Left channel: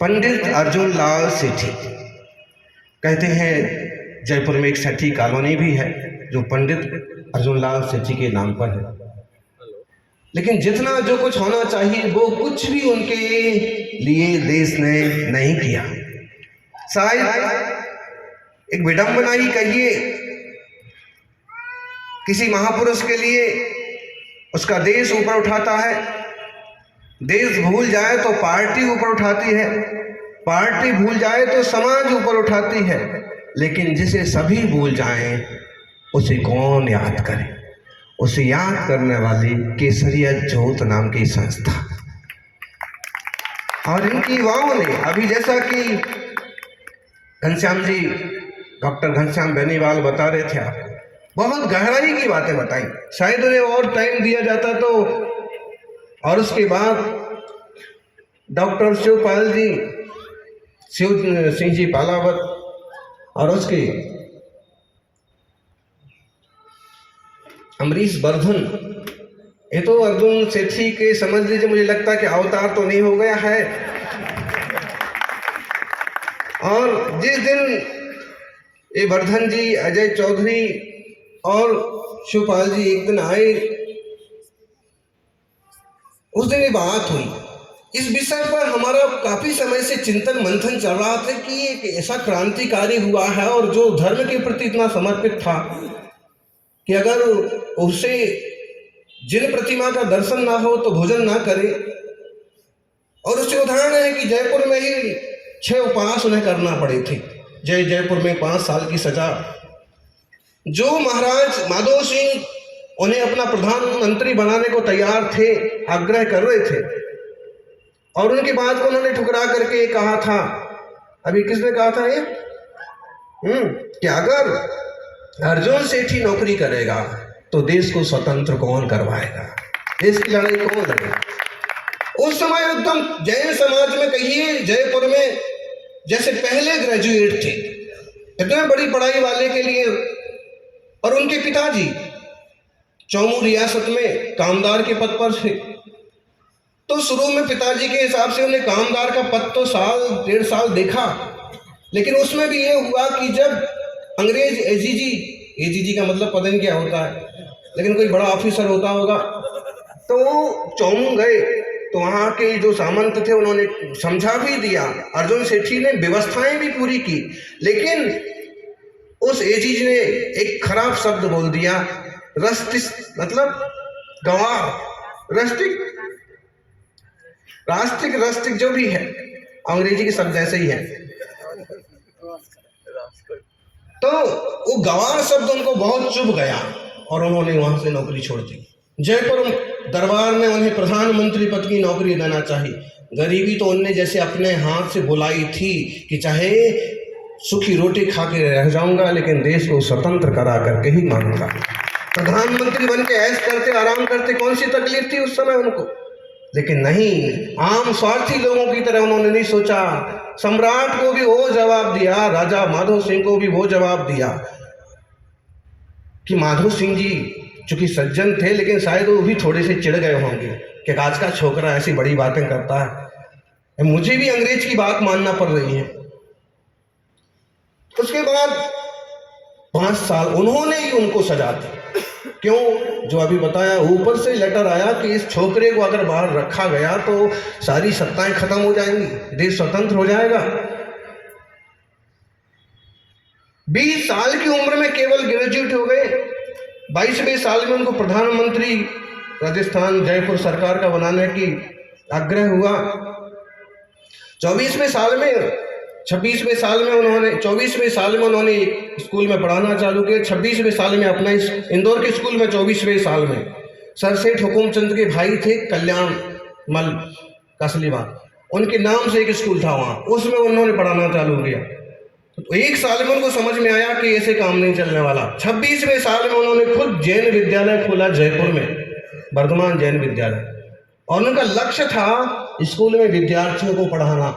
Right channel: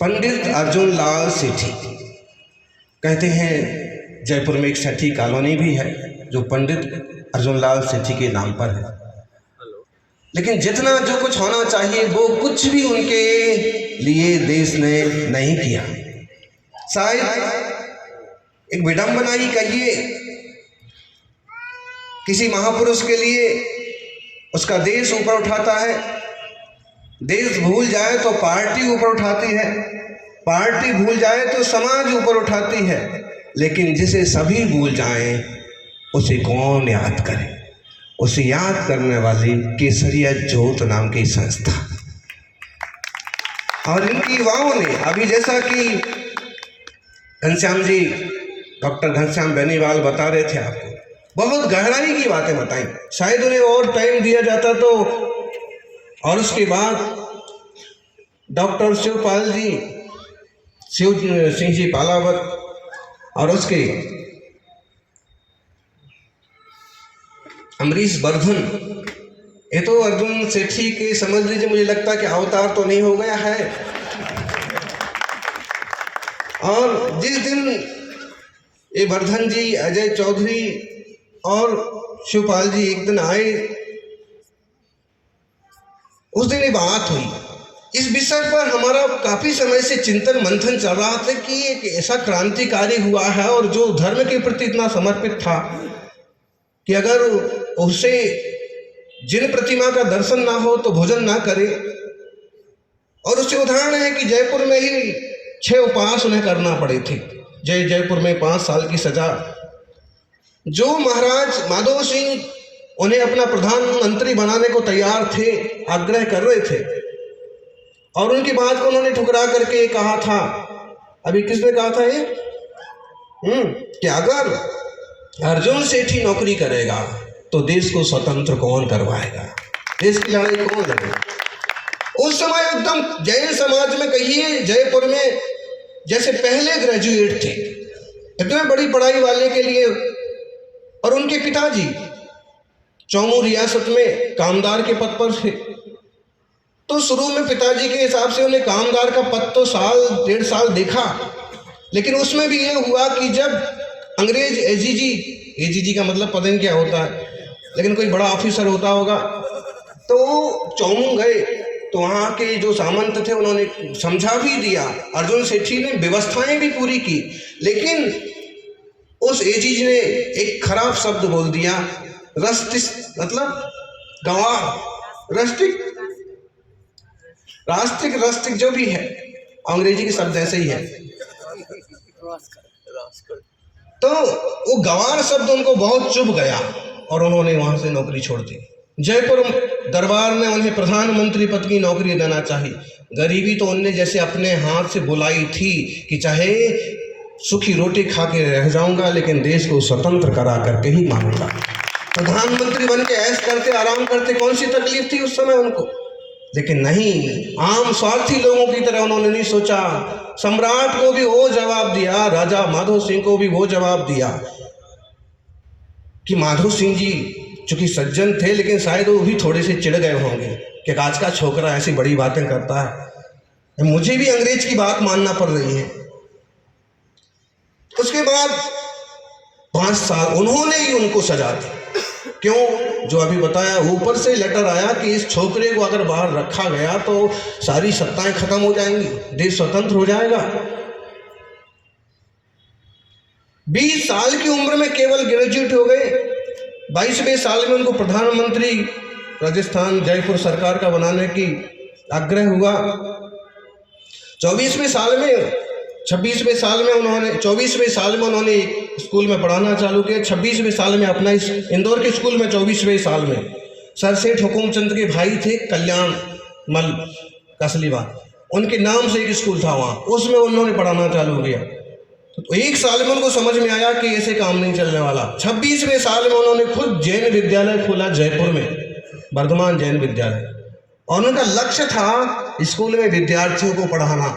पंडित अर्जुन लाल सेठी कहते हैं, जयपुर में एक सेठी कॉलोनी भी है जो पंडित अर्जुन लाल सेठी के नाम पर है। लेकिन जितना जो कुछ होना चाहिए वो कुछ भी उनके लिए देश ने नहीं किया। शायद एक विडंबना ही कहिए, किसी महापुरुष के लिए उसका देश ऊपर उठाता है, देश भूल जाए तो पार्टी ऊपर उठाती है, पार्टी भूल जाए तो समाज ऊपर उठाती है, लेकिन जिसे सभी भूल जाएं उसे कौन याद करे? उसे याद करने वाली केसरिया ज्योत नाम की संस्था। और इनकी युवाओं ने अभी, जैसा कि घनश्याम जी, डॉक्टर घनश्याम बेनीवाल बता रहे थे आपको, बहुत गहराई की बातें बताई। शायद उन्हें और टाइम दिया जाता तो। और उसके बाद डॉक्टर शिवपाल जी, शिव सिंह जी पालावत, और उसके अमरीश वर्धन, ये तो अर्जुन सेठी के समझ लीजिए, मुझे लगता है कि अवतार तो नहीं हो गया है। और जिस दिन ये वर्धन जी, अजय चौधरी और शिवपाल जी एक दिन आए, उस दिन ये बात हुई। इस विषय पर हमारा काफी समय से चिंतन मंथन चल रहा था कि एक ऐसा क्रांतिकारी हुआ है और जो धर्म के प्रति इतना समर्पित था कि अगर उसे जिन प्रतिमा का दर्शन ना हो तो भोजन ना करे। और उससे उदाहरण है कि जयपुर में ही 6 उपवास उन्हें करना पड़े थे। जयपुर में 5 साल की सजा। जो महाराज माधो सिंह उन्हें अपना प्रधानमंत्री बनाने को तैयार थे, आग्रह कर रहे थे, और उनकी बात को उन्होंने ठुकरा करके कहा था, अभी किसने कहा था ये, कि अगर अर्जुन सेठी नौकरी करेगा तो देश को स्वतंत्र कौन करवाएगा, देश की लड़ाई कौन लड़ेगा? उस समय एकदम जैन समाज में कहिए, जयपुर में जैसे पहले ग्रेजुएट थे, इतने बड़ी पढ़ाई वाले के लिए। और उनके पिताजी चौमू रियासत में कामदार के पद पर थे। तो शुरू में पिताजी के हिसाब से उन्हें कामदार का पद तो 1.5 साल देखा, लेकिन उसमें भी ये हुआ कि जब अंग्रेज एजीजी का मतलब पता नहीं क्या होता है, लेकिन कोई बड़ा ऑफिसर होता होगा, तो चौमू गए तो वहाँ के जो सामंत थे उन्होंने समझा भी दिया। अर्जुन सेठी ने व्यवस्थाएं भी पूरी की, लेकिन उस एजीजी ने एक खराब शब्द बोल दिया, रस्टिक, मतलब गवाह, राष्ट्रिक जो भी है, अंग्रेजी के शब्द ऐसे ही है। तो वो गवार शब्द उनको बहुत चुभ गया और उन्होंने वहां से नौकरी छोड़ दी। जयपुर दरबार में उन्हें प्रधानमंत्री पद की नौकरी देना चाहिए। गरीबी तो उनने जैसे अपने हाथ से बुलाई थी कि चाहे सूखी रोटी खा के रह जाऊंगा, लेकिन देश को स्वतंत्र करा करके ही मानूंगा। प्रधानमंत्री बन के ऐश करते, आराम करते, कौन सी तकलीफ थी उस समय उनको? लेकिन नहीं, आम स्वार्थी लोगों की तरह उन्होंने नहीं सोचा। सम्राट को भी वो जवाब दिया, राजा माधो सिंह को भी वो जवाब दिया कि माधो सिंह जी चूंकि सज्जन थे, लेकिन शायद वो भी थोड़े से चिढ़ गए होंगे कि आज का छोकरा ऐसी बड़ी बातें करता है, मुझे भी अंग्रेज की बात मानना पड़ रही है। उसके बाद 5 साल उन्होंने ही उनको सजा दी। क्यों? जो अभी बताया, ऊपर से लेटर आया कि इस छोकरे को अगर बाहर रखा गया तो सारी सत्ताएं खत्म हो जाएंगी, देश स्वतंत्र हो जाएगा। 20 साल की उम्र में केवल ग्रेजुएट हो गए। 22वें साल में उनको प्रधानमंत्री राजस्थान जयपुर सरकार का बनाने की आग्रह हुआ। 24वें साल में 26वें साल में उन्होंने 24वें साल में उन्होंने स्कूल में पढ़ाना चालू किया। 26वें साल में अपना इंदौर के स्कूल में 24वें साल में सर सेठ हुकुमचंद के भाई थे कल्याण मल कसलीवाल, उनके नाम से एक स्कूल था वहाँ, उसमें उन्होंने पढ़ाना चालू किया। तो 1 साल में उनको समझ में आया कि ऐसे काम नहीं चलने वाला। 26वें साल में उन्होंने खुद जैन विद्यालय खोला जयपुर में, वर्धमान जैन विद्यालय, और उनका लक्ष्य था स्कूल में विद्यार्थियों को पढ़ाना।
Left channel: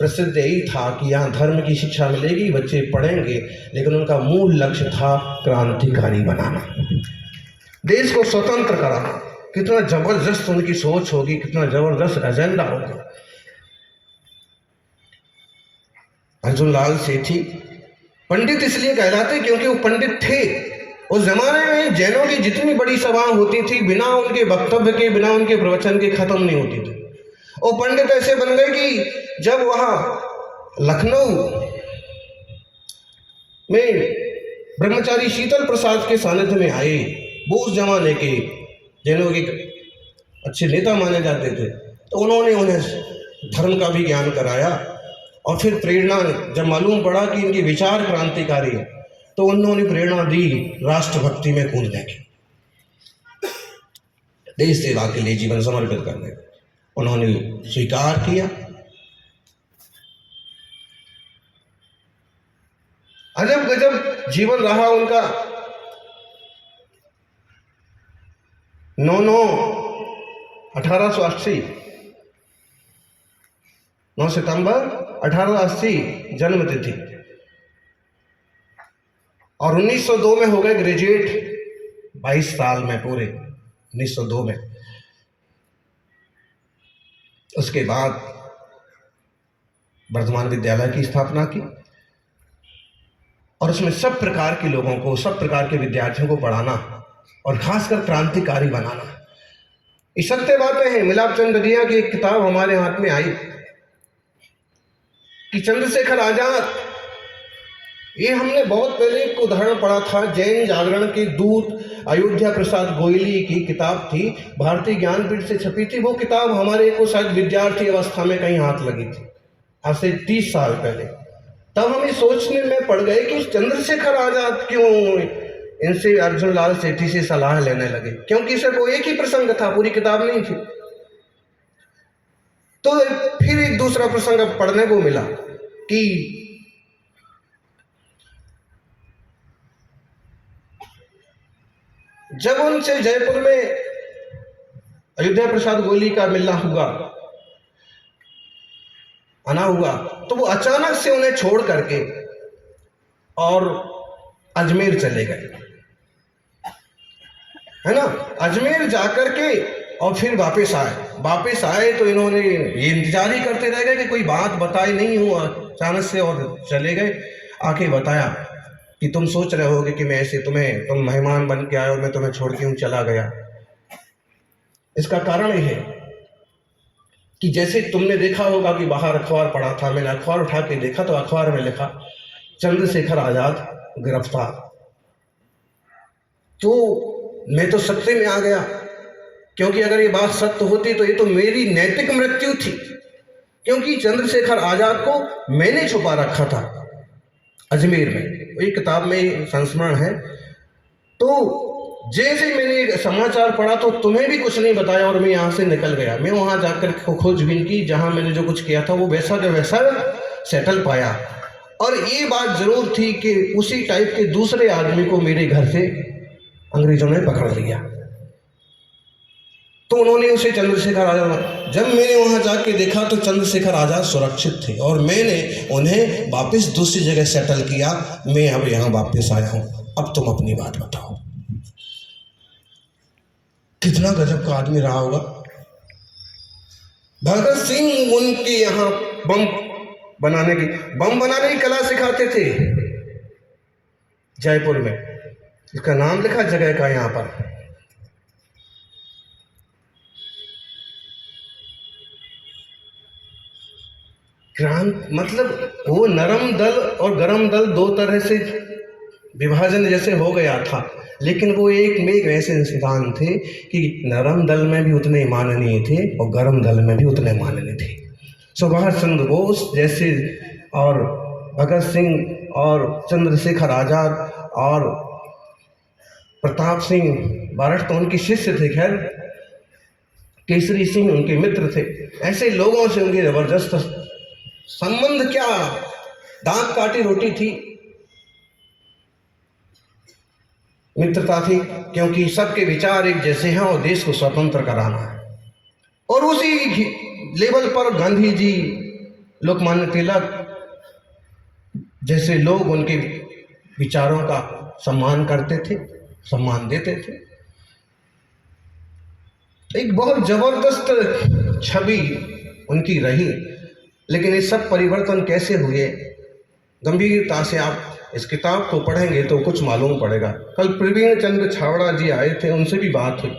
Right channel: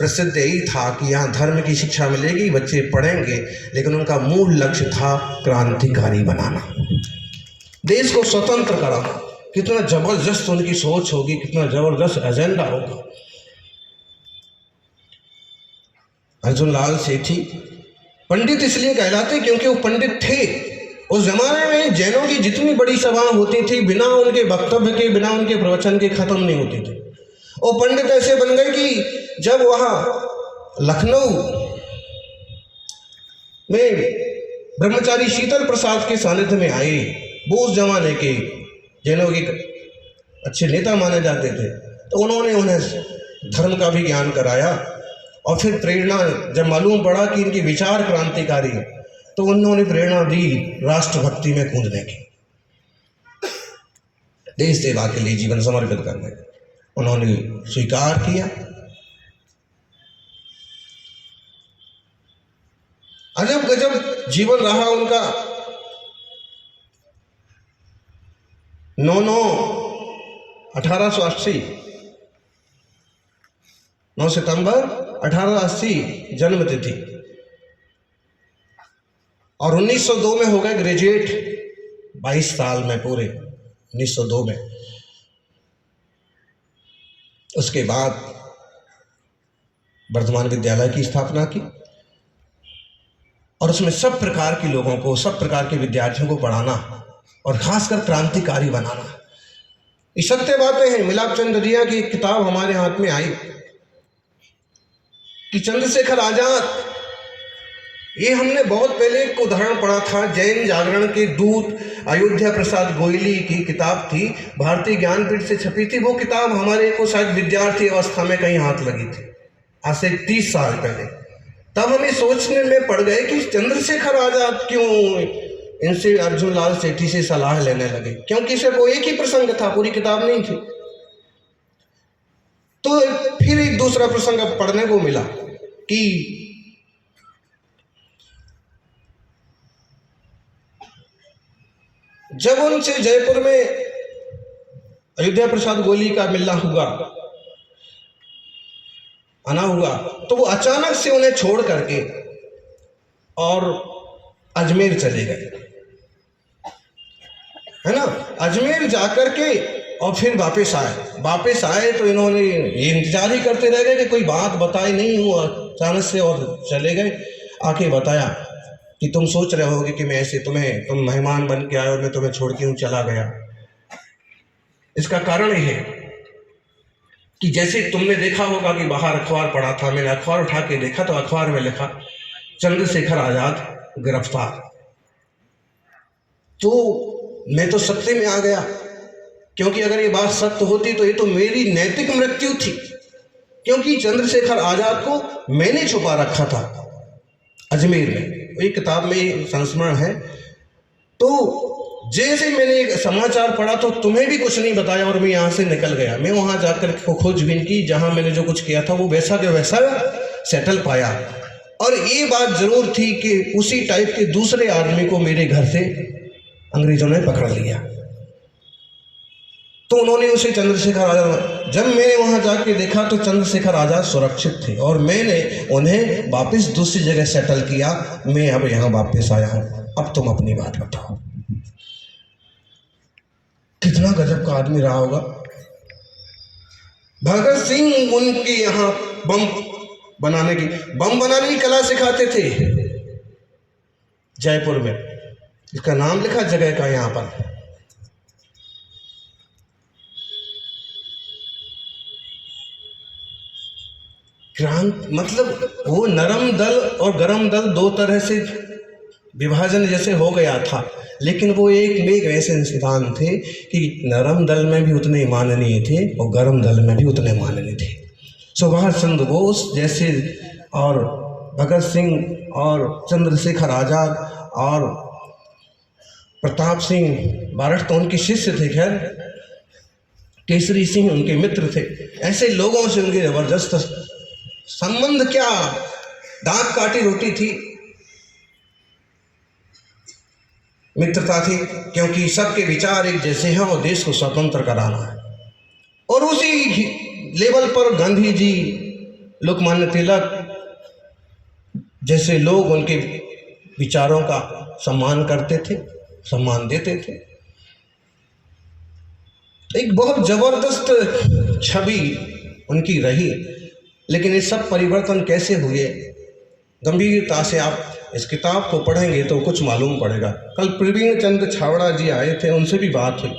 प्रसिद्ध यही था कि यहाँ धर्म की शिक्षा मिलेगी, बच्चे पढ़ेंगे, लेकिन उनका मूल लक्ष्य था क्रांतिकारी बनाना, देश को स्वतंत्र कराना। कितना जबरदस्त उनकी सोच होगी, कितना जबरदस्त एजेंडा होगा। अर्जुन लाल सेठी पंडित इसलिए कहलाते क्योंकि वो पंडित थे। उस जमाने में जैनों की जितनी बड़ी सभाएं होती थी, बिना उनके वक्तव्य के, बिना उनके प्रवचन के खत्म नहीं होती थी। वो पंडित ऐसे बन गए कि जब वहाँ लखनऊ में ब्रह्मचारी शीतल प्रसाद के सानिध्य में आए, वो उस जमाने के जैनों के अच्छे नेता माने जाते थे, तो उन्होंने उन्हें धर्म का भी ज्ञान कराया। और फिर प्रेरणा जब मालूम पड़ा कि इनके विचार क्रांतिकारी है, तो उन्होंने प्रेरणा दी राष्ट्रभक्ति में कूदने की, देश सेवा के लिए जीवन समर्पित करने। उन्होंने स्वीकार किया। अजब गजब जीवन रहा उनका। 9 सितंबर 1880 जन्म तिथि, और 1902 में हो गए ग्रेजुएट। 22 साल में पूरे 1902 में। उसके बाद वर्धमान विद्यालय की स्थापना की और उसमें सब प्रकार के लोगों को, सब प्रकार के विद्यार्थियों को पढ़ाना और खासकर क्रांतिकारी बनाना। ये सत्य बातें हैं। मिलाप चंद्रिया की एक किताब हमारे हाथ में आई कि चंद्रशेखर आजाद, ये हमने बहुत पहले एक उदाहरण पढ़ा था, जैन जागरण के दूत अयोध्या प्रसाद गोयली की किताब थी, भारतीय ज्ञानपीठ से छपी थी। वो किताब हमारे को शायद विद्यार्थी अवस्था में कहीं हाथ लगी थी, आज से 30 साल पहले। तब हम ये सोचने में पड़ गए कि चंद्रशेखर आजाद क्यों इनसे, अर्जुन लाल सेठी से सलाह लेने लगे, क्योंकि सिर्फ वो एक ही प्रसंग था, पूरी किताब नहीं थी। तो फिर एक दूसरा प्रसंग पढ़ने को मिला कि जब उनसे जयपुर में अयोध्या प्रसाद गोयली का मिलना हुआ, आना हुआ, तो वो अचानक से उन्हें छोड़ करके और अजमेर चले गए, है ना। अजमेर जाकर के और फिर वापस आए तो इन्होंने ये इंतजार ही करते रह गए कि कोई बात बताई नहीं हुआ, अचानक से और चले गए। आके बताया कि तुम सोच रहे होगे कि मैं ऐसे तुम मेहमान बन के आए और मैं तुम्हें छोड़ के यूं चला गया। इसका कारण यह है कि जैसे तुमने देखा होगा कि बाहर अखबार पढ़ा था, मैंने अखबार उठा के देखा तो अखबार में लिखा चंद्रशेखर आजाद गिरफ्तार। तो मैं तो सत्य में आ गया, क्योंकि अगर ये बात सत्य होती तो ये तो मेरी नैतिक मृत्यु थी, क्योंकि चंद्रशेखर आजाद को मैंने छुपा रखा था अजमेर में। एक किताब में संस्मरण है। तो जैसे मैंने समाचार पढ़ा तो तुम्हें भी कुछ नहीं बताया और मैं यहाँ से निकल गया। मैं वहाँ जाकर खोजबीन की, जहाँ मैंने जो कुछ किया था वो वैसा के वैसा सेटल पाया। और ये बात जरूर थी कि उसी टाइप के दूसरे आदमी को मेरे घर से अंग्रेजों ने पकड़ लिया। तो उन्होंने उसे चंद्रशेखर आजाद, जब मैंने वहाँ जाके देखा तो चंद्रशेखर आजाद सुरक्षित थे और मैंने उन्हें वापस दूसरी जगह सेटल किया। मैं अब यहाँ वापस आया हूँ, अब तुम अपनी बात बताओ। कितना गजब का आदमी रहा होगा। भगत सिंह उनके यहाँ बम बनाने की कला सिखाते थे जयपुर में। इसका नाम लिखा जगह का यहाँ पर। मतलब वो नरम दल और गरम दल दो तरह से विभाजन जैसे हो गया था, लेकिन वो एक में एक ऐसे इंसान थे कि नरम दल में भी उतने माननीय थे और गरम दल में भी उतने माननीय थे। सुभाष चंद्र बोस जैसे और भगत सिंह और चंद्रशेखर आजाद और प्रताप सिंह बारठ तो उनके शिष्य थे, खैर केसरी सिंह उनके मित्र थे। ऐसे लोगों से उनकी जबरदस्त संबंध, क्या दांत काटी रोटी थी, मित्रता थी, क्योंकि सबके विचार एक जैसे हैं और देश को स्वतंत्र कराना है। और उसी लेवल पर गांधी जी, लोकमान्य तिलक जैसे लोग उनके विचारों का सम्मान करते थे, सम्मान देते थे। एक बहुत जबरदस्त छवि उनकी रही। लेकिन ये सब परिवर्तन कैसे हुए, गंभीरता से आप इस किताब को पढ़ेंगे तो कुछ मालूम पड़ेगा। कल प्रवीण चंद्र छावड़ा जी आए थे, उनसे भी बात हुई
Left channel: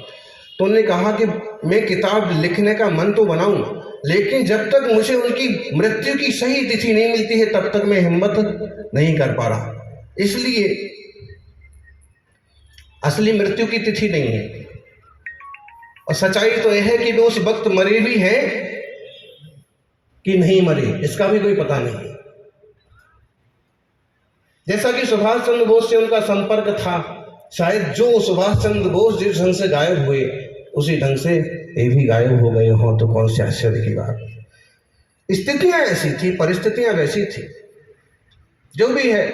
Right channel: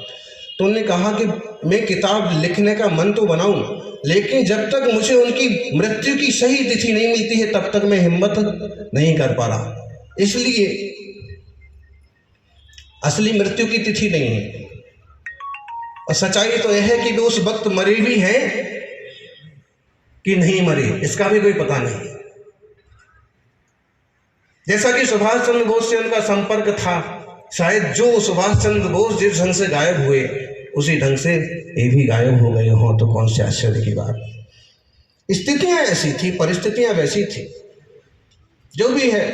तो उन्होंने कहा कि मैं किताब लिखने का मन तो बनाऊं, लेकिन जब तक मुझे उनकी मृत्यु की सही तिथि नहीं मिलती है तब तक मैं हिम्मत नहीं कर पा रहा। इसलिए असली मृत्यु की तिथि नहीं है, और सच्चाई तो यह है कि वे उस वक्त मरे भी हैं कि नहीं मरे, इसका भी कोई पता नहीं। जैसा कि सुभाष चंद्र बोस से उनका संपर्क था, शायद जो सुभाष चंद्र बोस जिस ढंग से गायब हुए उसी ढंग से ये भी गायब हो गए हों तो कौन से आश्चर्य की बात। स्थितियां ऐसी थी, परिस्थितियां वैसी थी, जो भी है,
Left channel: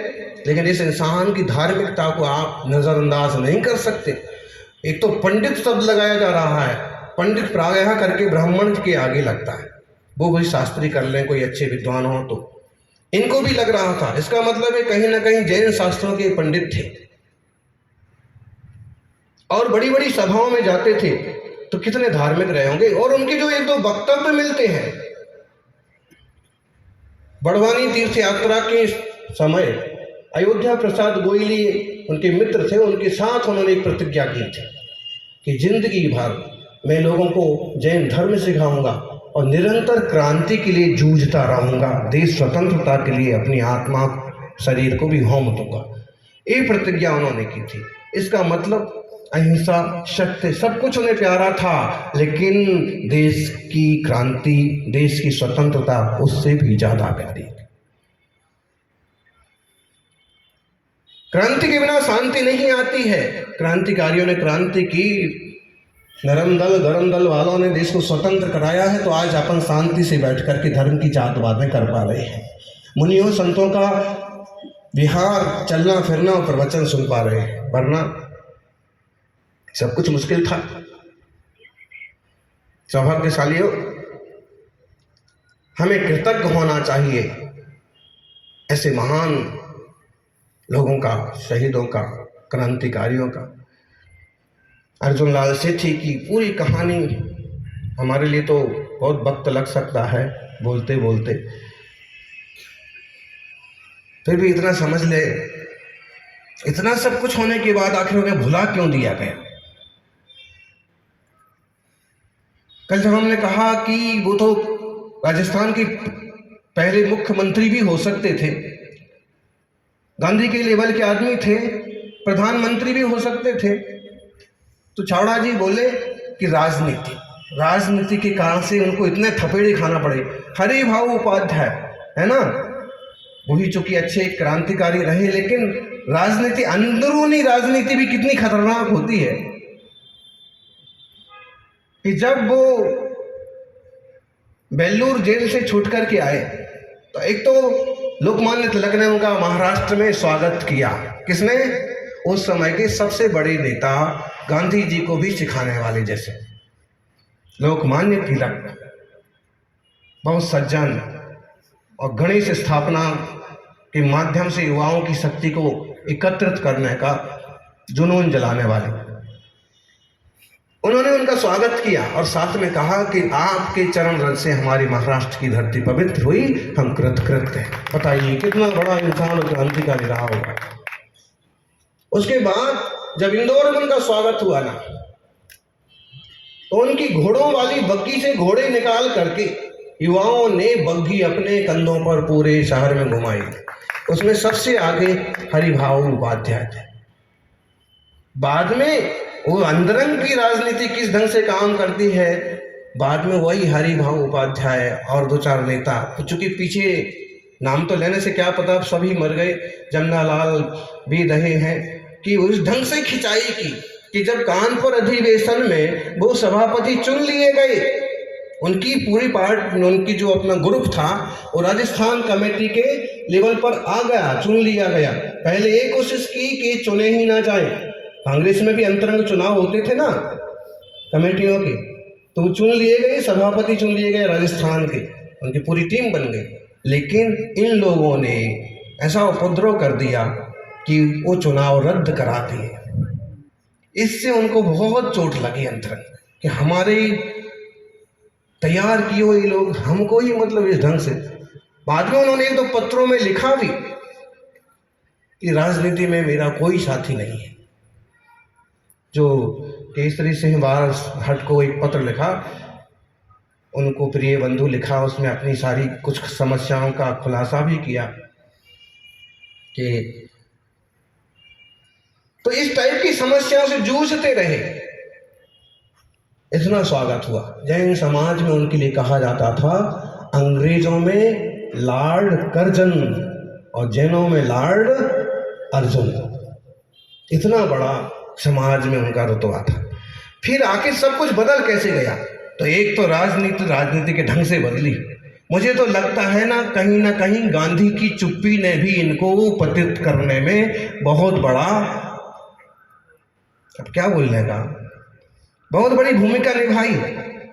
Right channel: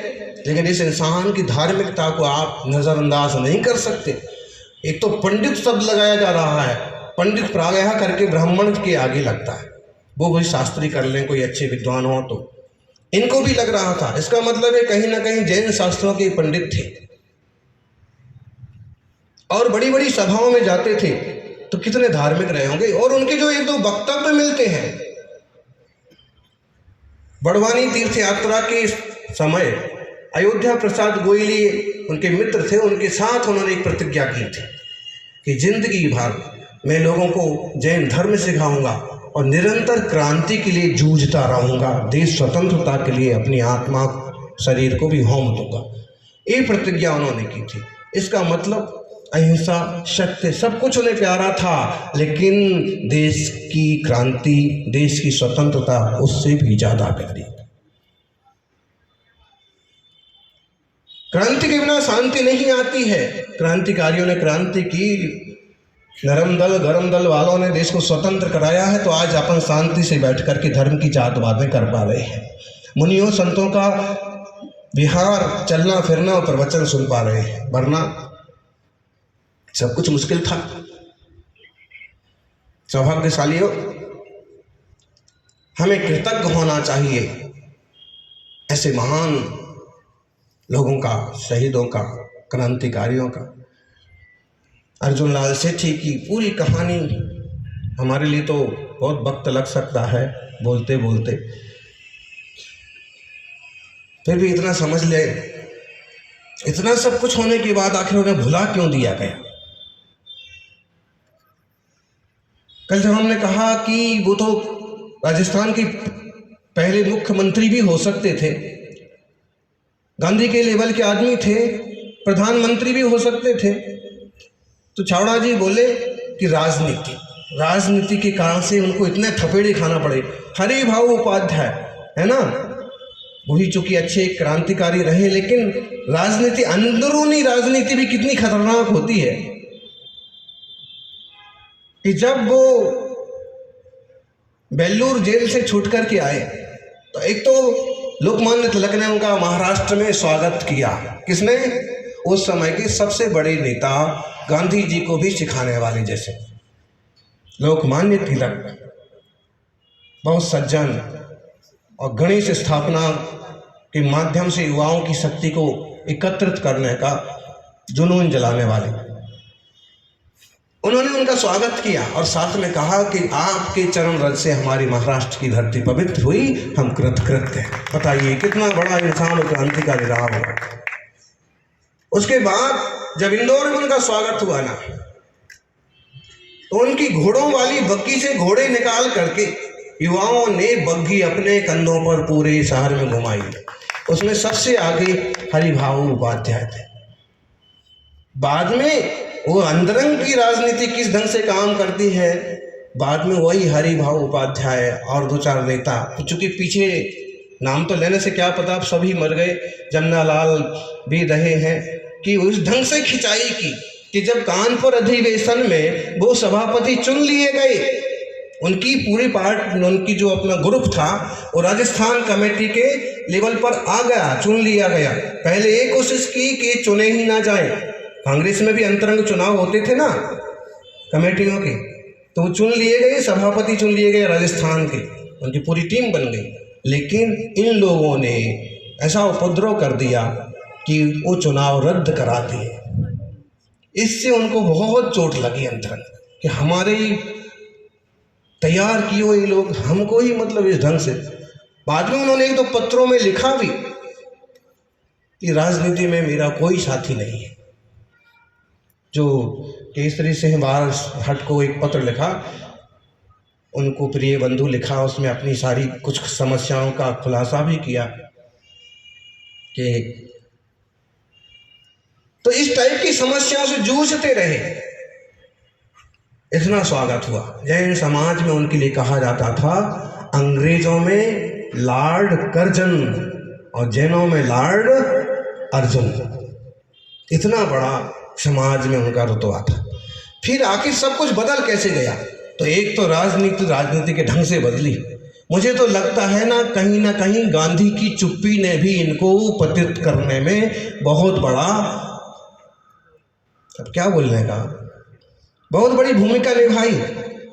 लेकिन इस इंसान की धार्मिकता को आप नजरअंदाज नहीं कर सकते। एक तो पंडित शब्द लगाया जा रहा है, पंडित प्रायः करके ब्राह्मण के आगे लगता है, वो कोई शास्त्री कर लें, कोई अच्छे विद्वान हो तो इनको भी लग रहा था। इसका मतलब है कहीं ना कहीं जैन शास्त्रों के पंडित थे और बड़ी बड़ी सभाओं में जाते थे, तो कितने धार्मिक रहे होंगे। और उनके जो एक दो वक्तव्य मिलते हैं, बड़वानी तीर्थ यात्रा के समय अयोध्या प्रसाद गोयली उनके मित्र थे, उनके साथ उन्होंने एक प्रतिज्ञा की थी कि जिंदगी भर मैं लोगों को जैन धर्म सिखाऊंगा और निरंतर क्रांति के लिए जूझता रहूंगा, देश स्वतंत्रता के लिए अपनी आत्मा शरीर को भी होम दूंगा। ये प्रतिज्ञा उन्होंने की थी। इसका मतलब अहिंसा, सत्य, सब कुछ उन्हें प्यारा था, लेकिन देश की क्रांति, देश की स्वतंत्रता उससे भी ज्यादा प्यारी। क्रांति के बिना शांति नहीं आती है। क्रांतिकारियों ने क्रांति की, नरम दल गरम दल वालों ने देश को स्वतंत्र कराया है, तो आज अपन शांति से बैठ कर के धर्म की जात बातें कर पा रहे हैं। मुनियों संतों का विहार, चलना फिरना और प्रवचन सुन पा रहे हैं, वरना सब कुछ मुश्किल था। सौभाग्यशालियों, हमें कृतज्ञ होना चाहिए ऐसे महान लोगों का, शहीदों का, क्रांतिकारियों का। अर्जुन लाल सेठी की पूरी कहानी हमारे लिए तो बहुत वक्त लग सकता है बोलते बोलते, फिर भी इतना समझ ले, इतना सब कुछ होने के बाद आखिर उन्हें भुला क्यों दिया गया। कल जब हमने कहा कि वो तो राजस्थान के पहले मुख्यमंत्री भी हो सकते थे, गांधी के लेवल के आदमी थे, प्रधानमंत्री भी हो सकते थे, तो छावड़ा जी बोले कि राजनीति के कारण से उनको इतने थपेड़े खाना पड़े। हरि भाऊ उपाध्याय है ना, वो भी चूंकि अच्छे क्रांतिकारी रहे, लेकिन राजनीति, अंदरूनी राजनीति भी कितनी खतरनाक होती है कि जब वो बेल्लूर जेल से छूट करके आए तो एक तो लोकमान्य तिलक ने उनका महाराष्ट्र में स्वागत किया। किसने? उस समय के सबसे बड़े नेता, गांधी जी को भी सिखाने वाले जैसे लोकमान्य तिलक, बहुत सज्जन और गणेश स्थापना के माध्यम से युवाओं की शक्ति को एकत्रित करने का जुनून जलाने वाले, उन्होंने उनका स्वागत किया और साथ में कहा कि आपके चरण रज से हमारी महाराष्ट्र की धरती पवित्र हुई, हम कृतकृत्य हैं। बताइए कितना बड़ा इंसान और क्रांतिकारी रहा होगा। उसके बाद जब इंदौर में उनका स्वागत हुआ ना, तो उनकी घोड़ों वाली बग्गी से घोड़े निकाल करके युवाओं ने बग्गी अपने कंधों पर पूरे शहर में घुमाई। उसमें सबसे आगे हरिभाऊ उपाध्याय थे। बाद में वो अंदरंग की राजनीति किस ढंग से काम करती है, बाद में वही हरिभाऊ उपाध्याय और दो चार नेता, चूंकि पीछे नाम तो लेने से क्या पता, अब सभी मर गए, जमनालाल भी रहे हैं, कि उस ढंग से खिंचाई की कि जब कानपुर अधिवेशन में वो सभापति चुन लिए गए, उनकी पूरी पार्टी, उनकी जो अपना ग्रुप था वो राजस्थान कमेटी के लेवल पर आ गया, चुन लिया गया। पहले एक कोशिश की कि चुने ही ना जाए, कांग्रेस में भी अंतरंग चुनाव होते थे ना कमेटियों के, तो वो चुन लिए गए, सभापति चुन लिए गए राजस्थान के, उनकी पूरी टीम बन गई। लेकिन इन लोगों ने ऐसा उपद्रव कर दिया कि वो चुनाव रद्द करा दिए। इससे उनको बहुत चोट लगी अंतरंग कि हमारे तैयार किए हुए लोग हमको ही मतलब इस ढंग से। बाद में उन्होंने एक दो पत्रों में लिखा भी कि राजनीति में मेरा कोई साथी नहीं है। जो केसरी सिंह बारहट को एक पत्र लिखा, उनको प्रिय बंधु लिखा, उसमें अपनी सारी कुछ समस्याओं का खुलासा भी किया कि तो इस टाइप की समस्याओं से जूझते रहे। इतना स्वागत हुआ। जैन समाज में उनके लिए कहा जाता था, अंग्रेजों में लॉर्ड कर्जन और जैनों में लॉर्ड अर्जुन। इतना बड़ा समाज में उनका रुतबा था। फिर आखिर सब कुछ बदल कैसे गया? तो एक तो राजनीति के ढंग से बदली। मुझे तो लगता है ना कहीं गांधी की चुप्पी ने भी इनको पतित करने में बहुत बड़ा, अब क्या बोलने का, बहुत बड़ी भूमिका निभाई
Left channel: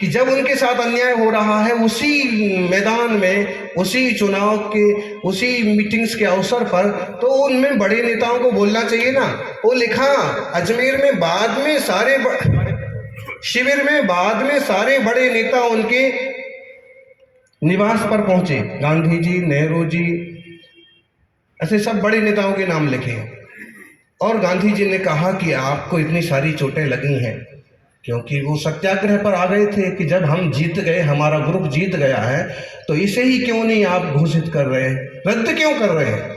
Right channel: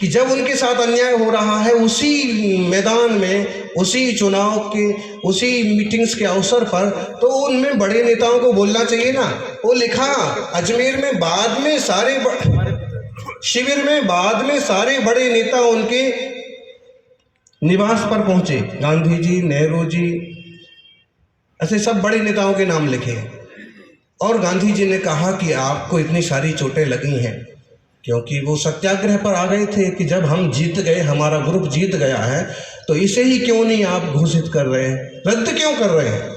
कि जब उनके साथ अन्याय हो रहा है, उसी मैदान में, उसी चुनाव के, उसी मीटिंग्स के अवसर पर, तो उनमें बड़े नेताओं को बोलना चाहिए ना। वो लिखा, अजमेर में बाद में सारे शिविर में बाद में सारे बड़े नेता उनके निवास पर पहुंचे। गांधी जी, नेहरू जी, ऐसे सब बड़े नेताओं के नाम लिखे। और गांधी जी ने कहा कि आपको इतनी सारी चोटें लगी हैं क्योंकि वो सत्याग्रह पर आ गए थे कि जब हम जीत गए, हमारा ग्रुप जीत गया है, तो इसे ही क्यों नहीं आप घोषित कर रहे हैं, रद्द क्यों कर रहे हैं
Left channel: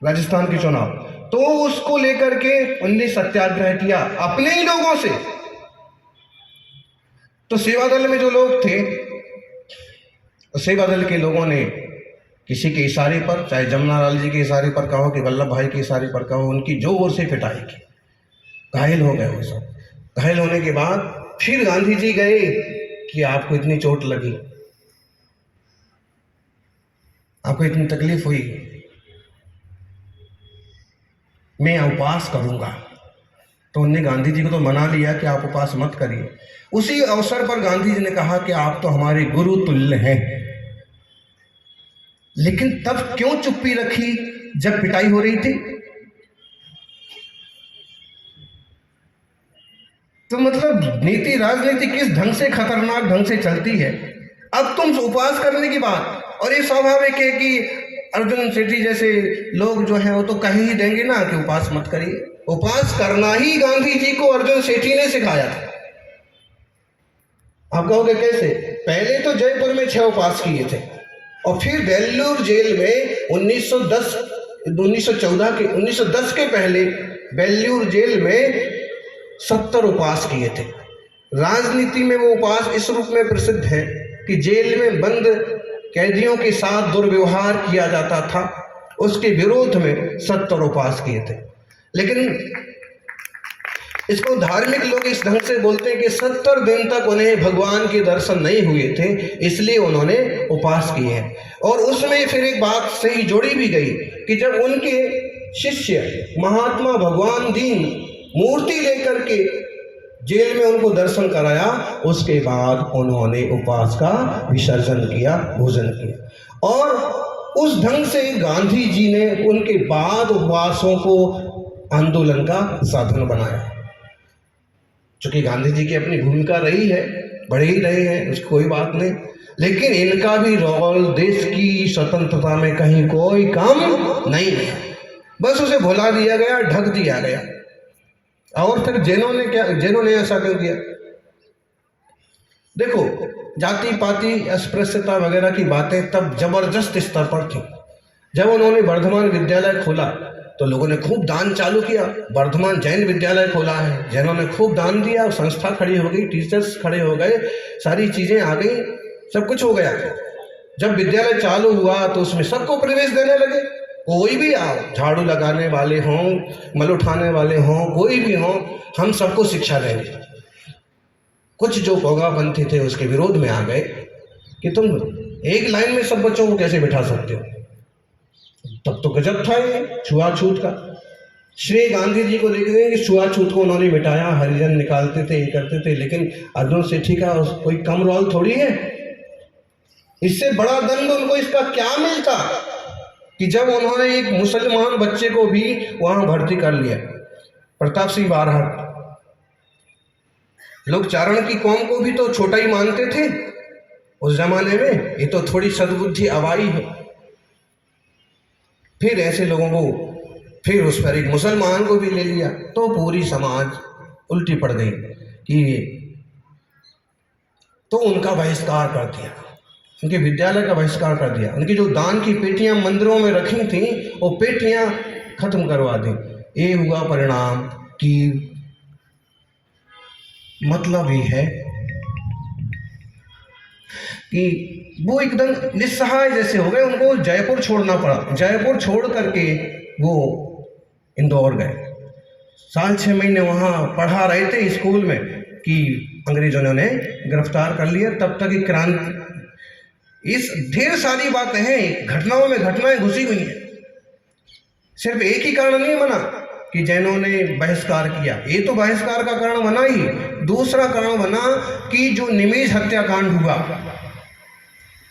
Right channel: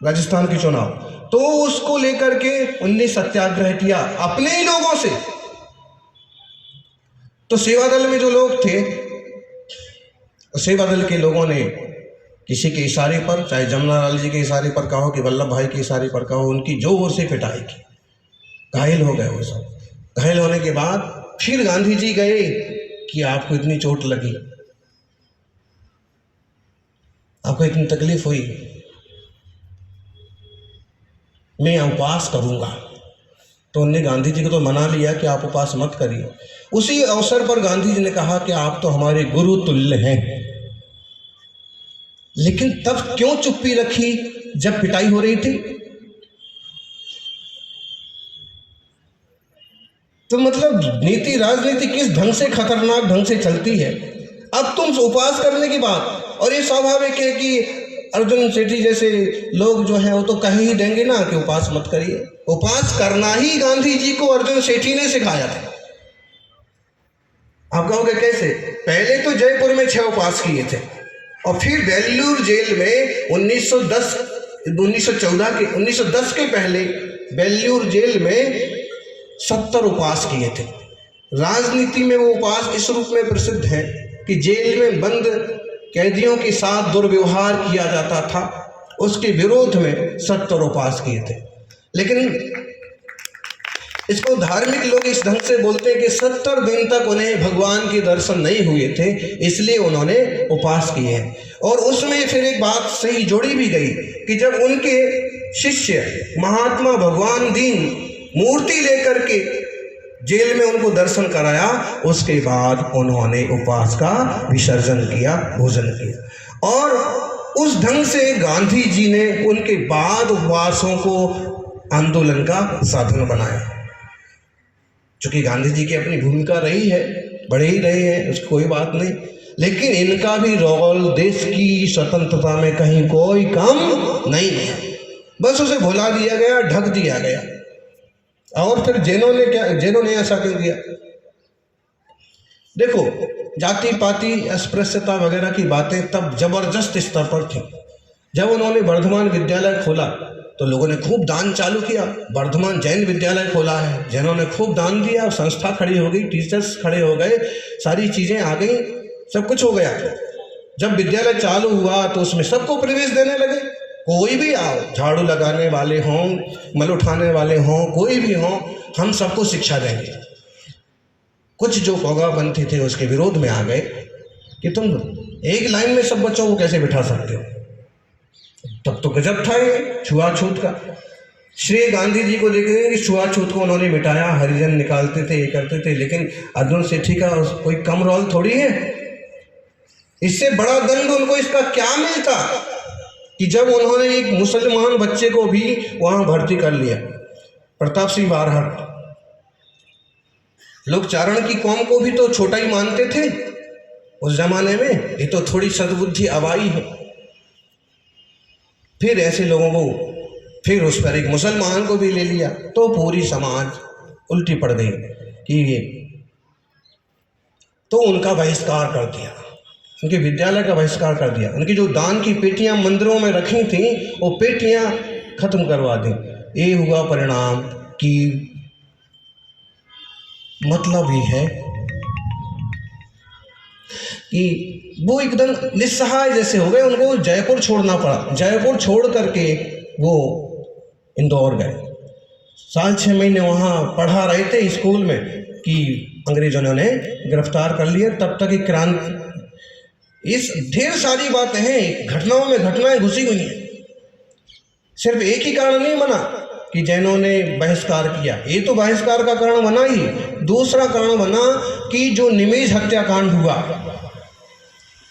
राजस्थान के चुनाव। तो उसको लेकर के उनने सत्याग्रह किया अपने ही लोगों से। तो सेवा दल में जो लोग थे, सेवा दल के लोगों ने किसी के इशारे पर, चाहे जमुनालाल जी के इशारे पर कहो कि वल्लभ भाई के इशारे पर कहो, उनकी जोर से पिटाई की। घायल हो गए वो सब। घायल होने के बाद फिर गांधी जी गए कि आपको इतनी चोट लगी, आपको इतनी तकलीफ हुई, मैं उपवास करूंगा। तो उन्होंने गांधी जी को तो मना लिया कि आप उपवास मत करिए। उसी अवसर पर गांधी जी ने कहा कि आप तो हमारे गुरु तुल्य हैं। लेकिन तब क्यों चुप्पी रखी जब पिटाई हो रही थी? तो मतलब नीति, राजनीति किस ढंग से खतरनाक ढंग से चलती है। अब तुम उपवास करने की बात, और ये स्वाभाविक है कि अर्जुन सेठी जैसे लोग जो हैं वो तो कह ही देंगे ना कि उपवास मत करिए। उपवास करना ही गांधी जी को अर्जुन सेठी ने सिखाया था। आप कहोगे कैसे? पहले तो जयपुर में 6 उपवास किए थे और फिर बेल्लूर जेल में 1910 के पहले बेल्लूर जेल में 70 उपवास किए थे। राजनीति में वो उपवास इस रूप में प्रसिद्ध है कि जेल में बंद कैदियों के साथ दुर्व्यवहार किया जाता था, उसके विरोध में 70 उपवास किए थे। लेकिन इसको धार्मिक लोग इस ढंग से बोलते हैं कि 70 दिन तक उन्हें भगवान के दर्शन नहीं हुए थे, इसलिए उन्होंने उपवास किए हैं। और उसमें फिर एक बात सही जोड़ी भी गई कि जब उनके शिष्य महात्मा भगवान दीन मूर्ति लेकर के जेल में उनको दर्शन कराया, उसके बाद उन्होंने उपवास का विसर्जन किया, भोजन किया। और उस ढंग से गांधी जी ने उनके बाद उपवासों को आंदोलन का साधन बनाया। चूंकि गांधी जी की अपनी भूमिका रही है, बढ़े ही रहे हैं, उसकी कोई बात नहीं, लेकिन इनका भी रोल देश की स्वतंत्रता में कहीं कोई कम नहीं है। बस उसे भुला दिया गया, ढक दिया गया। और फिर जैनों ने ऐसा क्यों किया? देखो, जाति पाति अस्पृश्यता वगैरह की बातें तब जबरदस्त स्तर पर थी। जब उन्होंने वर्धमान विद्यालय खोला तो लोगों ने खूब दान चालू किया। वर्धमान जैन विद्यालय खोला है, जैनों ने खूब दान दिया, संस्था खड़ी हो गई, टीचर्स खड़े हो गए, सारी चीजें आ गई, सब कुछ हो गया। जब विद्यालय चालू हुआ तो उसमें सबको प्रवेश देने लगे। कोई भी आओ, झाड़ू लगाने वाले हों, मल उठाने वाले हों, कोई भी हों, हम सबको शिक्षा देंगे। कुछ जो पौगापंथी थे उसके विरोध में आ गए कि तुम एक लाइन में सब बच्चों को कैसे बिठा सकते हो। तब तो गजब था ये छुआछूत का। श्री गांधी जी को देखेंगे कि छुआछूत को उन्होंने मिटाया, हरिजन निकालते थे, ये करते थे, लेकिन अर्जुन सेठी का कोई कम रोल थोड़ी है। इससे बड़ा दंड उनको इसका क्या मिलता कि जब उन्होंने एक मुसलमान बच्चे को भी वहां भर्ती कर लिया। प्रताप सिंह बारहट, लोग चारण की कौम को भी तो छोटा ही मानते थे उस जमाने में। ये तो थोड़ी सद्बुद्धि अवाई है। फिर ऐसे लोगों को, फिर उस पर एक मुसलमान को भी ले लिया, तो पूरी समाज उल्टी पड़ गई कि तो उनका बहिष्कार कर दिया, उनके विद्यालय का बहिष्कार कर दिया। उनकी जो दान की पेटियां मंदिरों में रखी थी वो पेटियां खत्म करवा दी। ये हुआ परिणाम कि मतलब ये है कि वो एकदम निस्सहाय जैसे हो गए। उनको जयपुर छोड़ना पड़ा। जयपुर छोड़ करके वो इंदौर गए। 6.5 महीने वहाँ पढ़ा रहे थे स्कूल में कि अंग्रेजों ने उन्हें गिरफ्तार कर लिया। तब तक एक क्रांति, इस ढेर सारी बातें हैं, घटनाओं में घटनाएं घुसी हुई हैं। सिर्फ एक ही कारण नहीं बना कि जैनों ने बहिष्कार किया, ये तो बहिष्कार का कारण बना ही। दूसरा कारण बना कि जो निमेज हत्याकांड हुआ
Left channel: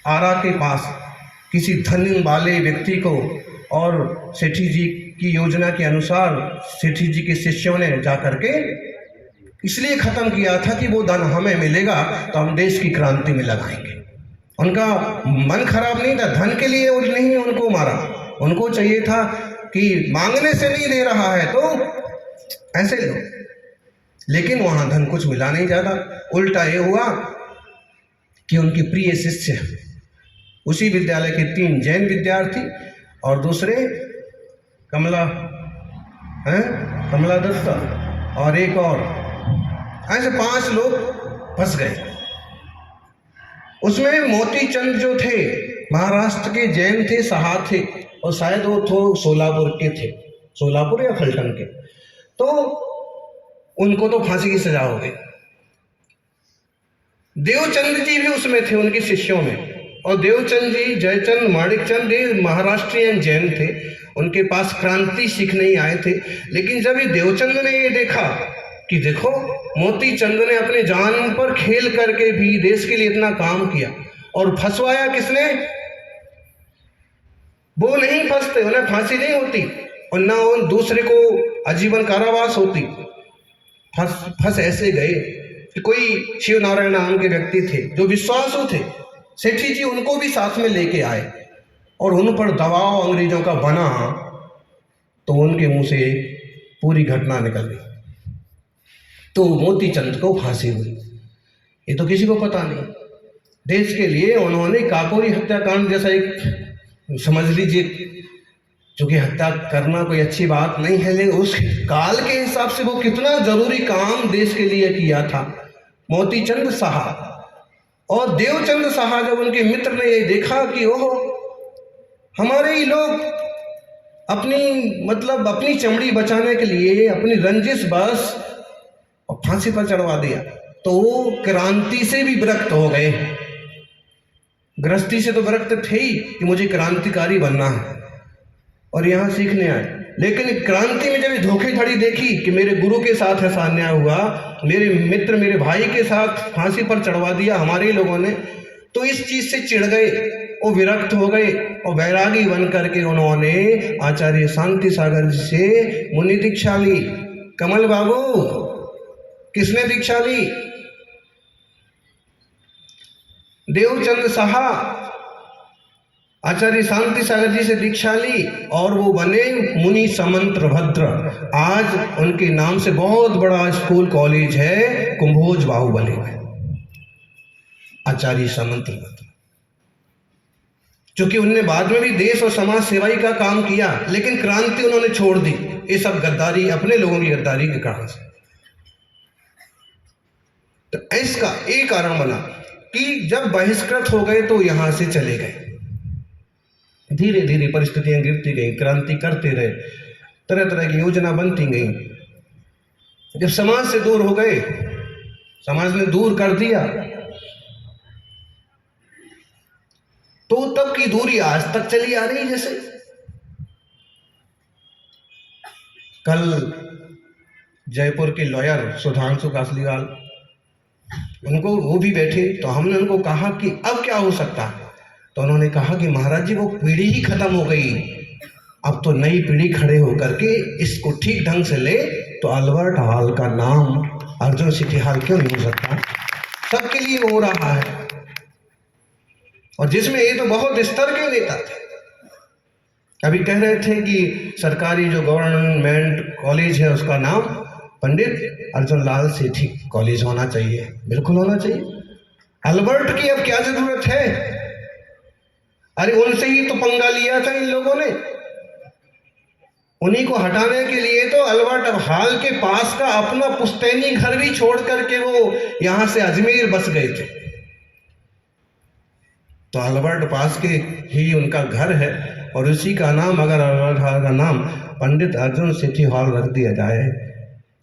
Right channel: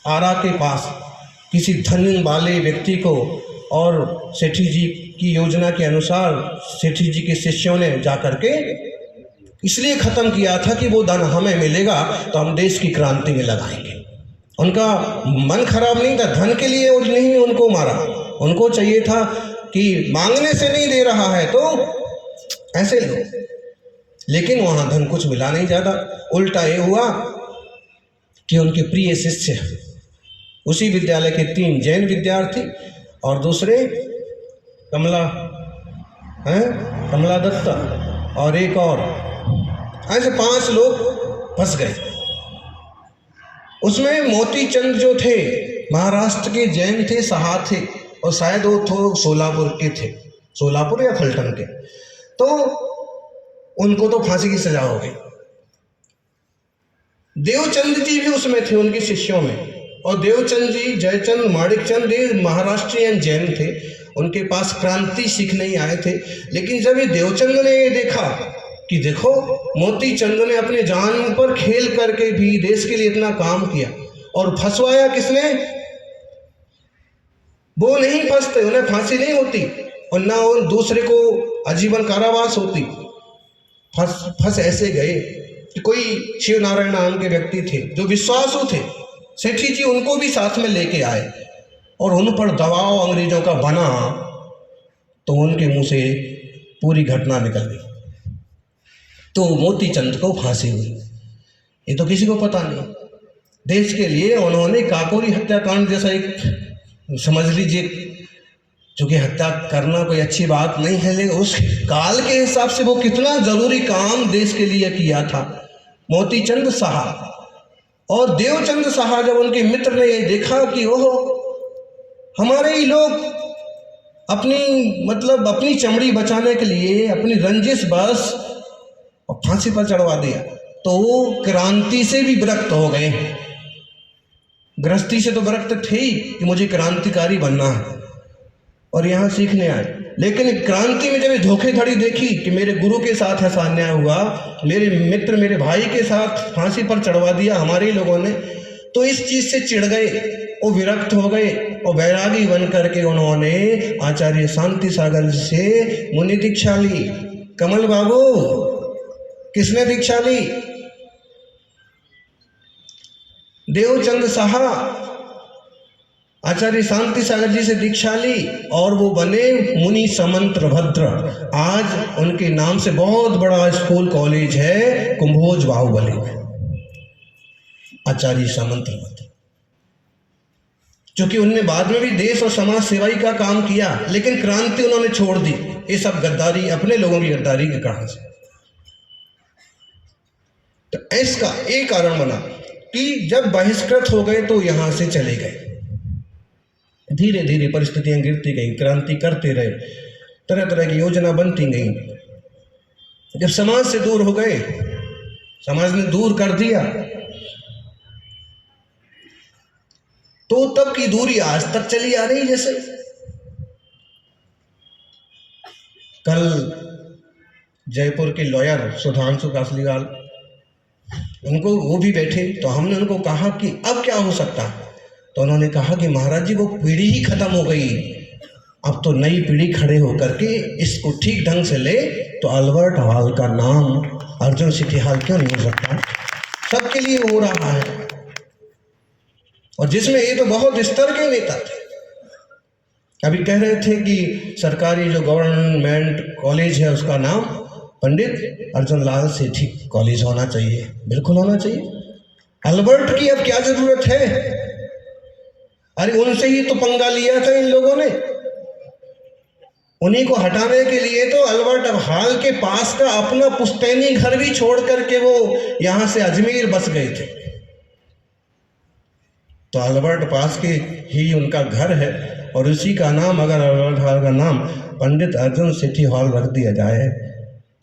आरा के पास किसी धन वाले व्यक्ति को, और सेठी जी की योजना के अनुसार सेठी जी के शिष्यों ने जाकर के इसलिए खत्म किया था कि वो धन हमें मिलेगा तो हम देश की क्रांति में लगाएंगे। उनका मन खराब नहीं था, धन के लिए नहीं उनको मारा। उनको चाहिए था कि मांगने से नहीं दे रहा है तो ऐसे लो। लेकिन वहां धन कुछ मिला नहीं ज़्यादा। उल्टा ये हुआ कि उनके प्रिय शिष्य, उसी विद्यालय के 3 जैन विद्यार्थी और दूसरे कमला दत्ता और एक और, ऐसे 5 लोग फंस गए। उसमें मोती चंद जो थे महाराष्ट्र के जैन थे, सहा थे, और शायद वो तो सोलापुर के थे, सोलापुर या फलटन के। तो उनको तो फांसी की सजा हो गई। देवचंद जी भी उसमें थे, उनके शिष्यों में। और देवचंद जी, जयचंद, माणिकचंद ये महाराष्ट्रियन जैन थे, उनके पास क्रांति सीखने ही आए थे। लेकिन जब ये देवचंद ने ये देखा कि देखो मोती चंद ने अपने जान पर खेल करके भी देश के लिए इतना काम किया, और फंसवाया किसने? वो नहीं फंसते, उन्हें फांसी नहीं होती और ना उन दूसरे को आजीवन कारावास होती। फंस ऐसे गए कि कोई शिव नारायण नाम के व्यक्ति थे जो विश्वासु थे, सेठी जी उनको भी साथ में लेके आए और उन पर दबाव अंग्रेजों का बना, तो उनके मुंह से पूरी घटना निकल गई। तो मोती चंद को फांसी हुई। ये तो किसी को पता नहीं। देश के लिए उन्होंने काकोरी हत्याकांड जैसा एक, समझ लीजिए, क्योंकि हत्या करना कोई अच्छी बात नहीं है, लेकिन उस काल के हिसाब से वो कितना जरूरी काम देश के लिए किया था मोती चंद साहा। और देवचंद साहा, जब उनके मित्र ने ये देखा कि ओहो हमारे ही लोग अपनी चमड़ी बचाने के लिए अपनी रंजिश बस फांसी पर चढ़वा दिया, तो वो क्रांति से भी विरक्त हो गए। गृहस्थी से तो विरक्त थे ही कि मुझे क्रांतिकारी बनना है और यहाँ सीखने आए। लेकिन क्रांति में जब धोखेधड़ी देखी कि मेरे गुरु के साथ ऐसा अन्याय हुआ, मेरे मित्र, मेरे भाई के साथ फांसी पर चढ़वा दिया हमारे लोगों ने, तो इस चीज से चिढ़ गए और विरक्त हो गए और वैरागी बन करके उन्होंने आचार्य शांति सागर से मुनि दीक्षा ली। कमल बाबू, किसने दीक्षा ली? देवचंद साहा आचार्य शांति सागर जी से दीक्षा ली और वो बने मुनि समंत्र भद्र। आज उनके नाम से बहुत बड़ा स्कूल कॉलेज है कुंभोज बाहुबली में, आचार्य समंत्र भद्र। क्योंकि उनने बाद में भी देश और समाज सेवाई का काम किया, लेकिन क्रांति उन्होंने छोड़ दी। ये सब गद्दारी, अपने लोगों की गद्दारी के कारण से। तो इसका एक कारण बना कि जब बहिष्कृत हो गए तो यहां से चले गए। धीरे धीरे परिस्थितियां गिरती गई, क्रांति करते रहे, तरह तरह की योजना बनती गई। जब समाज से दूर हो गए, समाज ने दूर कर दिया, तो तब की दूरी आज तक चली आ रही। जैसे कल जयपुर के लॉयर सुधांशु कासलीवाल, उनको वो भी बैठे, तो हमने उनको कहा कि अब क्या हो सकता है, तो उन्होंने कहा कि महाराज जी वो पीढ़ी ही खत्म हो गई, अब तो नई पीढ़ी खड़े होकर के इसको ठीक ढंग से ले तो अल्बर्ट हॉल का नाम अर्जुन सिटी हॉल क्यों नहीं हो सकता? सबके लिए हो रहा है, और जिसमें ये तो बहुत स्तर के नेता थे, अभी कह रहे थे कि सरकारी जो गवर्नमेंट कॉलेज है उसका नाम पंडित अर्जुन लाल सेठी कॉलेज होना चाहिए। बिल्कुल होना चाहिए। अल्बर्ट की अब क्या जरूरत है? अरे उनसे ही तो पंगा लिया था इन लोगों ने। उन्हीं को हटाने के लिए तो अल्बर्ट अब हाल के पास का अपना पुश्तैनी घर भी छोड़ करके वो यहां से अजमेर बस गए थे। तो अल्बर्ट पास के ही उनका घर है और उसी का नाम, अगर अल्बर्ट हॉल का नाम पंडित अर्जुन सेठी हॉल रख दिया जाए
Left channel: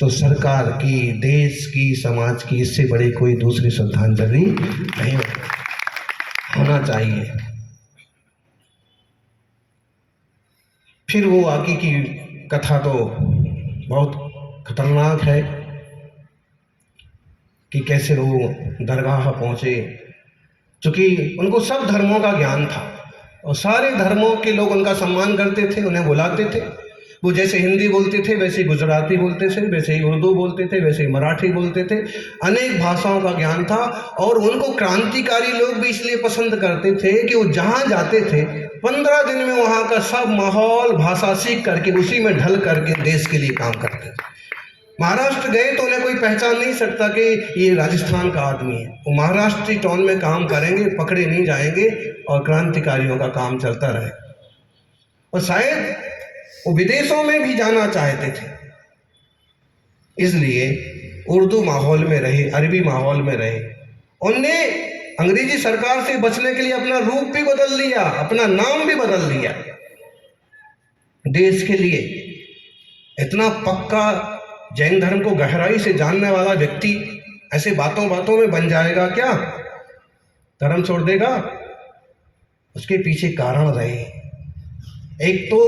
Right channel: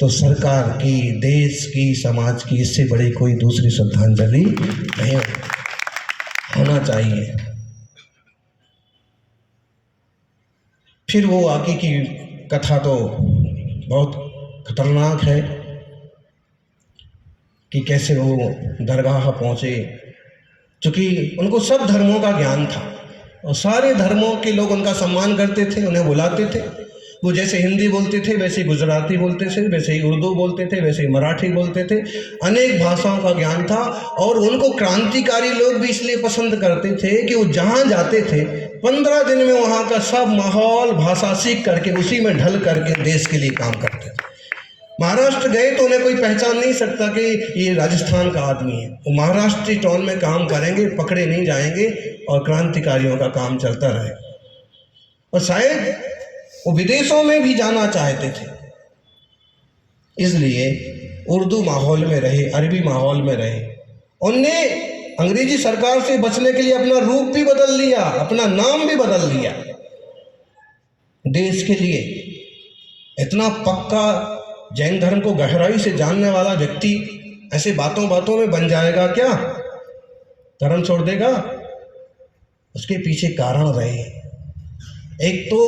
तो सरकार की, देश की, समाज की इससे बड़ी कोई दूसरी श्रद्धांजलि नहीं होना चाहिए। फिर वो आगे की कथा तो बहुत खतरनाक है कि कैसे वो दरगाह पहुंचे, क्योंकि उनको सब धर्मों का ज्ञान था और सारे धर्मों के लोग उनका सम्मान करते थे, उन्हें बुलाते थे। वो जैसे हिंदी बोलते थे वैसे ही गुजराती बोलते थे, वैसे ही उर्दू बोलते थे, वैसे ही मराठी बोलते थे। अनेक भाषाओं का ज्ञान था और उनको क्रांतिकारी लोग भी इसलिए पसंद करते थे कि वो जहाँ जाते थे 15 दिन में वहाँ का सब माहौल, भाषा सीख करके उसी में ढल करके देश के लिए काम करते थे। महाराष्ट्र गए तो उन्हें कोई पहचान नहीं सकता कि ये राजस्थान का आदमी है। वो महाराष्ट्री टोन में काम करेंगे, पकड़े नहीं जाएंगे और क्रांतिकारियों का काम चलता रहे। और शायद वो विदेशों में भी जाना चाहते थे, इसलिए उर्दू माहौल में रहे, अरबी माहौल में रहे। उनने अंग्रेजी सरकार से बचने के लिए अपना रूप भी बदल लिया, अपना नाम भी बदल लिया। देश के लिए इतना पक्का जैन धर्म को गहराई से जानने वाला व्यक्ति ऐसे बातों बातों में बन जाएगा क्या? धर्म छोड़ देगा? उसके पीछे कारण रहे। एक तो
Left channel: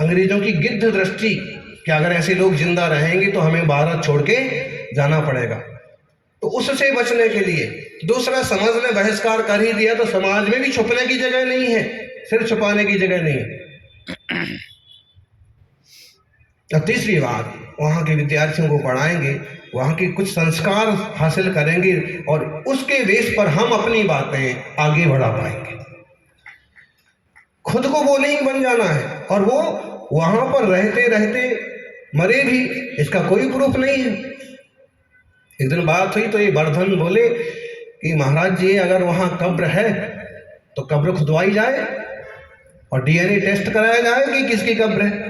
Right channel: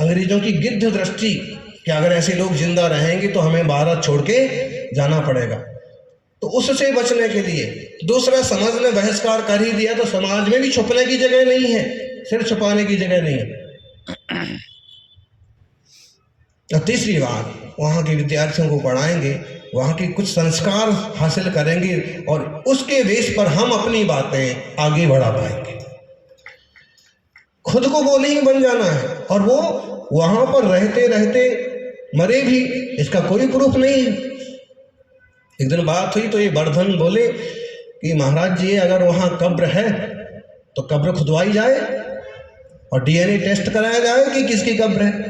अंग्रेजों की गिद्ध दृष्टि कि अगर ऐसे लोग जिंदा रहेंगे तो हमें भारत छोड़ के जाना पड़ेगा, तो उससे बचने के लिए। दूसरा, समाज ने बहिष्कार कर ही दिया तो समाज में भी छुपने की जगह नहीं है, सिर छुपाने की जगह नहीं है। और तीसरी बात, वहाँ के विद्यार्थियों को पढ़ाएंगे, वहाँ के कुछ संस्कार हासिल करेंगे और उसके बेस पर हम अपनी बातें आगे बढ़ा पाएंगे। खुद को वो नहीं बन जाना है और वो वहाँ पर रहते रहते मरे भी, इसका कोई प्रूफ नहीं है। एक दिन बात हुई तो ये वर्धन बोले कि महाराज जी अगर वहाँ कब्र है तो कब्र खुदवाई जाए और डीएनए टेस्ट कराया जाए कि किसकी कब्र है।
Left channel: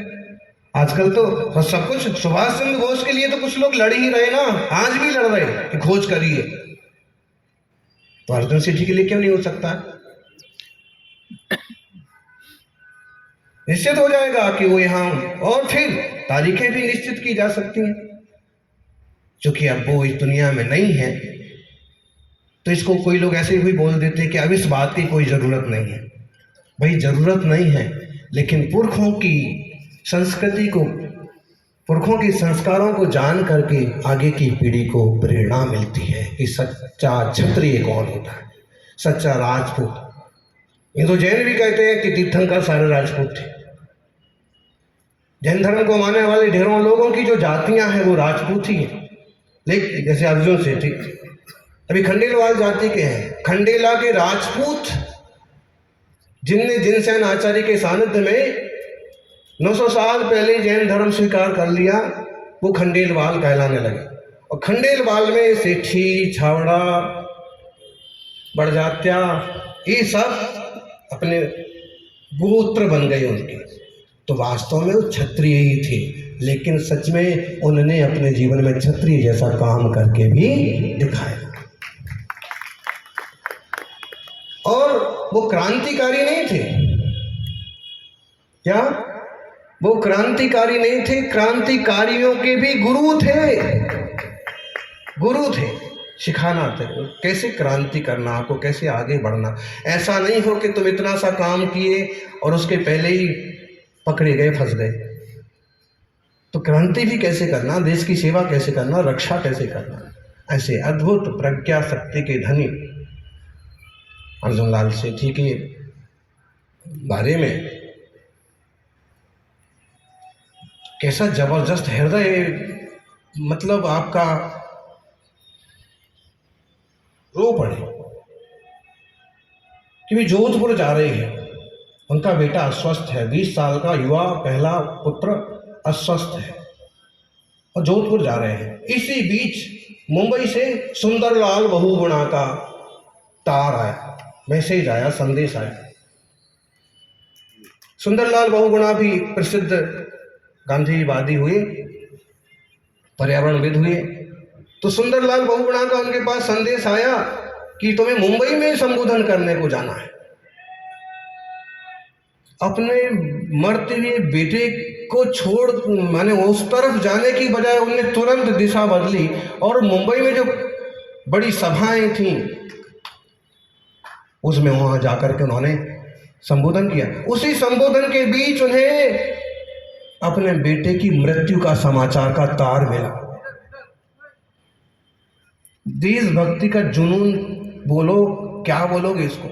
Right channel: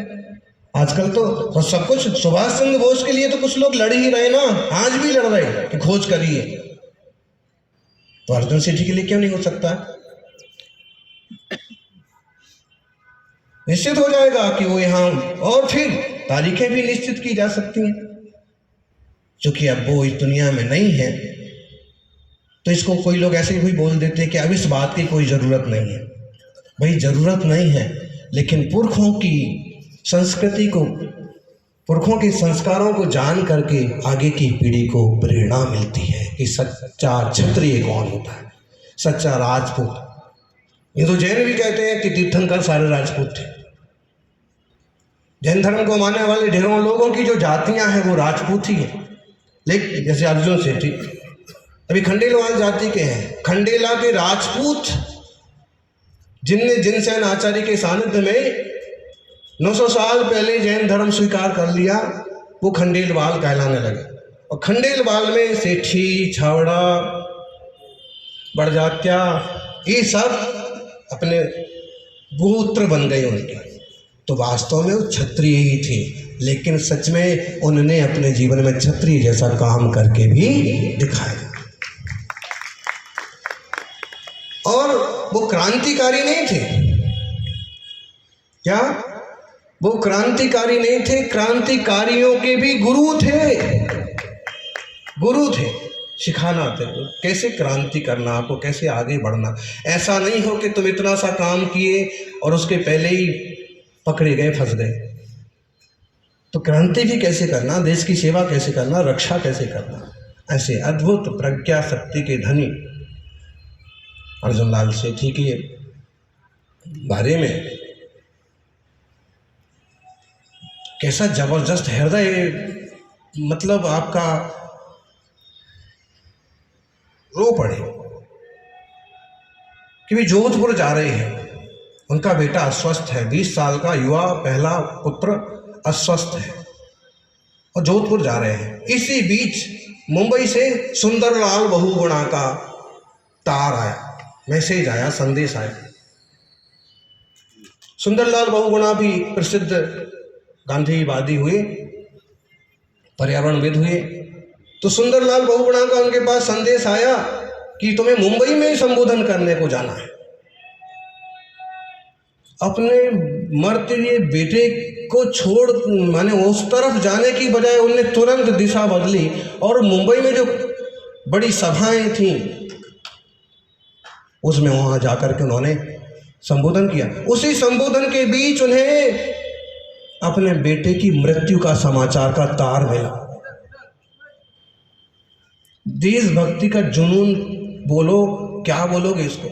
आजकल तो सब कुछ, सुभाष चंद्र बोस के लिए तो कुछ लोग लड़ ही रहे ना, आज भी लड़ रहे कि खोज करिए, तो अर्जुन सेठी के लिए क्यों नहीं हो सकता? निश्चित हो जाएगा कि वो यहाँ, और फिर तारीखें भी निश्चित की जा सकती हैं। क्योंकि अब वो इस दुनिया में नहीं है तो इसको कोई लोग ऐसे ही बोल देते हैं कि अब इस बात की कोई ज़रूरत नहीं है। भाई ज़रूरत नहीं है, लेकिन पुरखों की संस्कृति को, पुरखों के संस्कारों को जान करके आगे की पीढ़ी को प्रेरणा मिलती है कि सच्चा क्षत्रिय कौन होता है, सच्चा राजपूत। ये तो जैन भी कहते हैं कि तीर्थंकर सारे राजपूत थे। जैन धर्म को मानने वाले ढेरों लोगों की जो जातियां हैं वो राजपूत ही हैं। लेकिन जैसे अर्जुन सेठी अभी खंडेलवाल जाति के हैं, खंडेला के राजपूत जिनने जिनसेन आचार्य के सानिध्य में 900 साल पहले जैन धर्म स्वीकार कर लिया, वो खंडेलवाल कहलाने लगे। और खंडेलवाल में सेठी, छावड़ा, बड़जात्या, ये सब अपने गोत्र बन गए उनके। तो वास्तव में वो क्षत्रिय ही थे, लेकिन सच में उन्होंने अपने जीवन में क्षत्रिय जैसा काम करके भी दिखाया। और वो क्रांतिकारी नहीं थे। क्या वो क्रांतिकारी नहीं थे? क्रांतिकारियों के भी गुरु थे, गुरु थे, सिखाना था कैसे क्रांति करना, आपको कैसे आगे बढ़ना। ऐसा नहीं हो कि तुम इतना सा काम किए और उसके पहले ही पकड़े गए, फंस गए। तो क्रांति भी कैसे करना, देश की सेवा कैसे करना, रक्षा कैसे करना। ऐसे अद्भुत प्रज्ञा शक्ति के धनी अर्जुन लाल सेठी के बारे में कैसा जबरदस्त हृदय, मतलब आपका रो पड़े कि भी जोधपुर जा रहे हैं उनका बेटा अस्वस्थ है, 20 साल का युवा पहला पुत्र अस्वस्थ है और जोधपुर जा रहे हैं। इसी बीच मुंबई से सुंदरलाल बहुगुणा का तार आया, मैसेज आया, संदेश आया। सुंदरलाल बहुगुणा भी प्रसिद्ध गांधीवादी हुए, पर्यावरणविद हुए। तो सुंदरलाल बहुगुणा का उनके पास संदेश आया कि तुम्हें मुंबई में संबोधन करने को जाना है। अपने मरते हुए बेटे को छोड़ माने उस तरफ जाने की बजाय उन्होंने तुरंत दिशा बदली और मुंबई में जो बड़ी सभाएं थीं उसमें वहां जाकर के उन्होंने संबोधन किया। उसी संबोधन के बीच उन्हें अपने बेटे की मृत्यु का समाचार का तार मिला। देशभक्ति का जुनून बोलो, क्या बोलोगे इसको,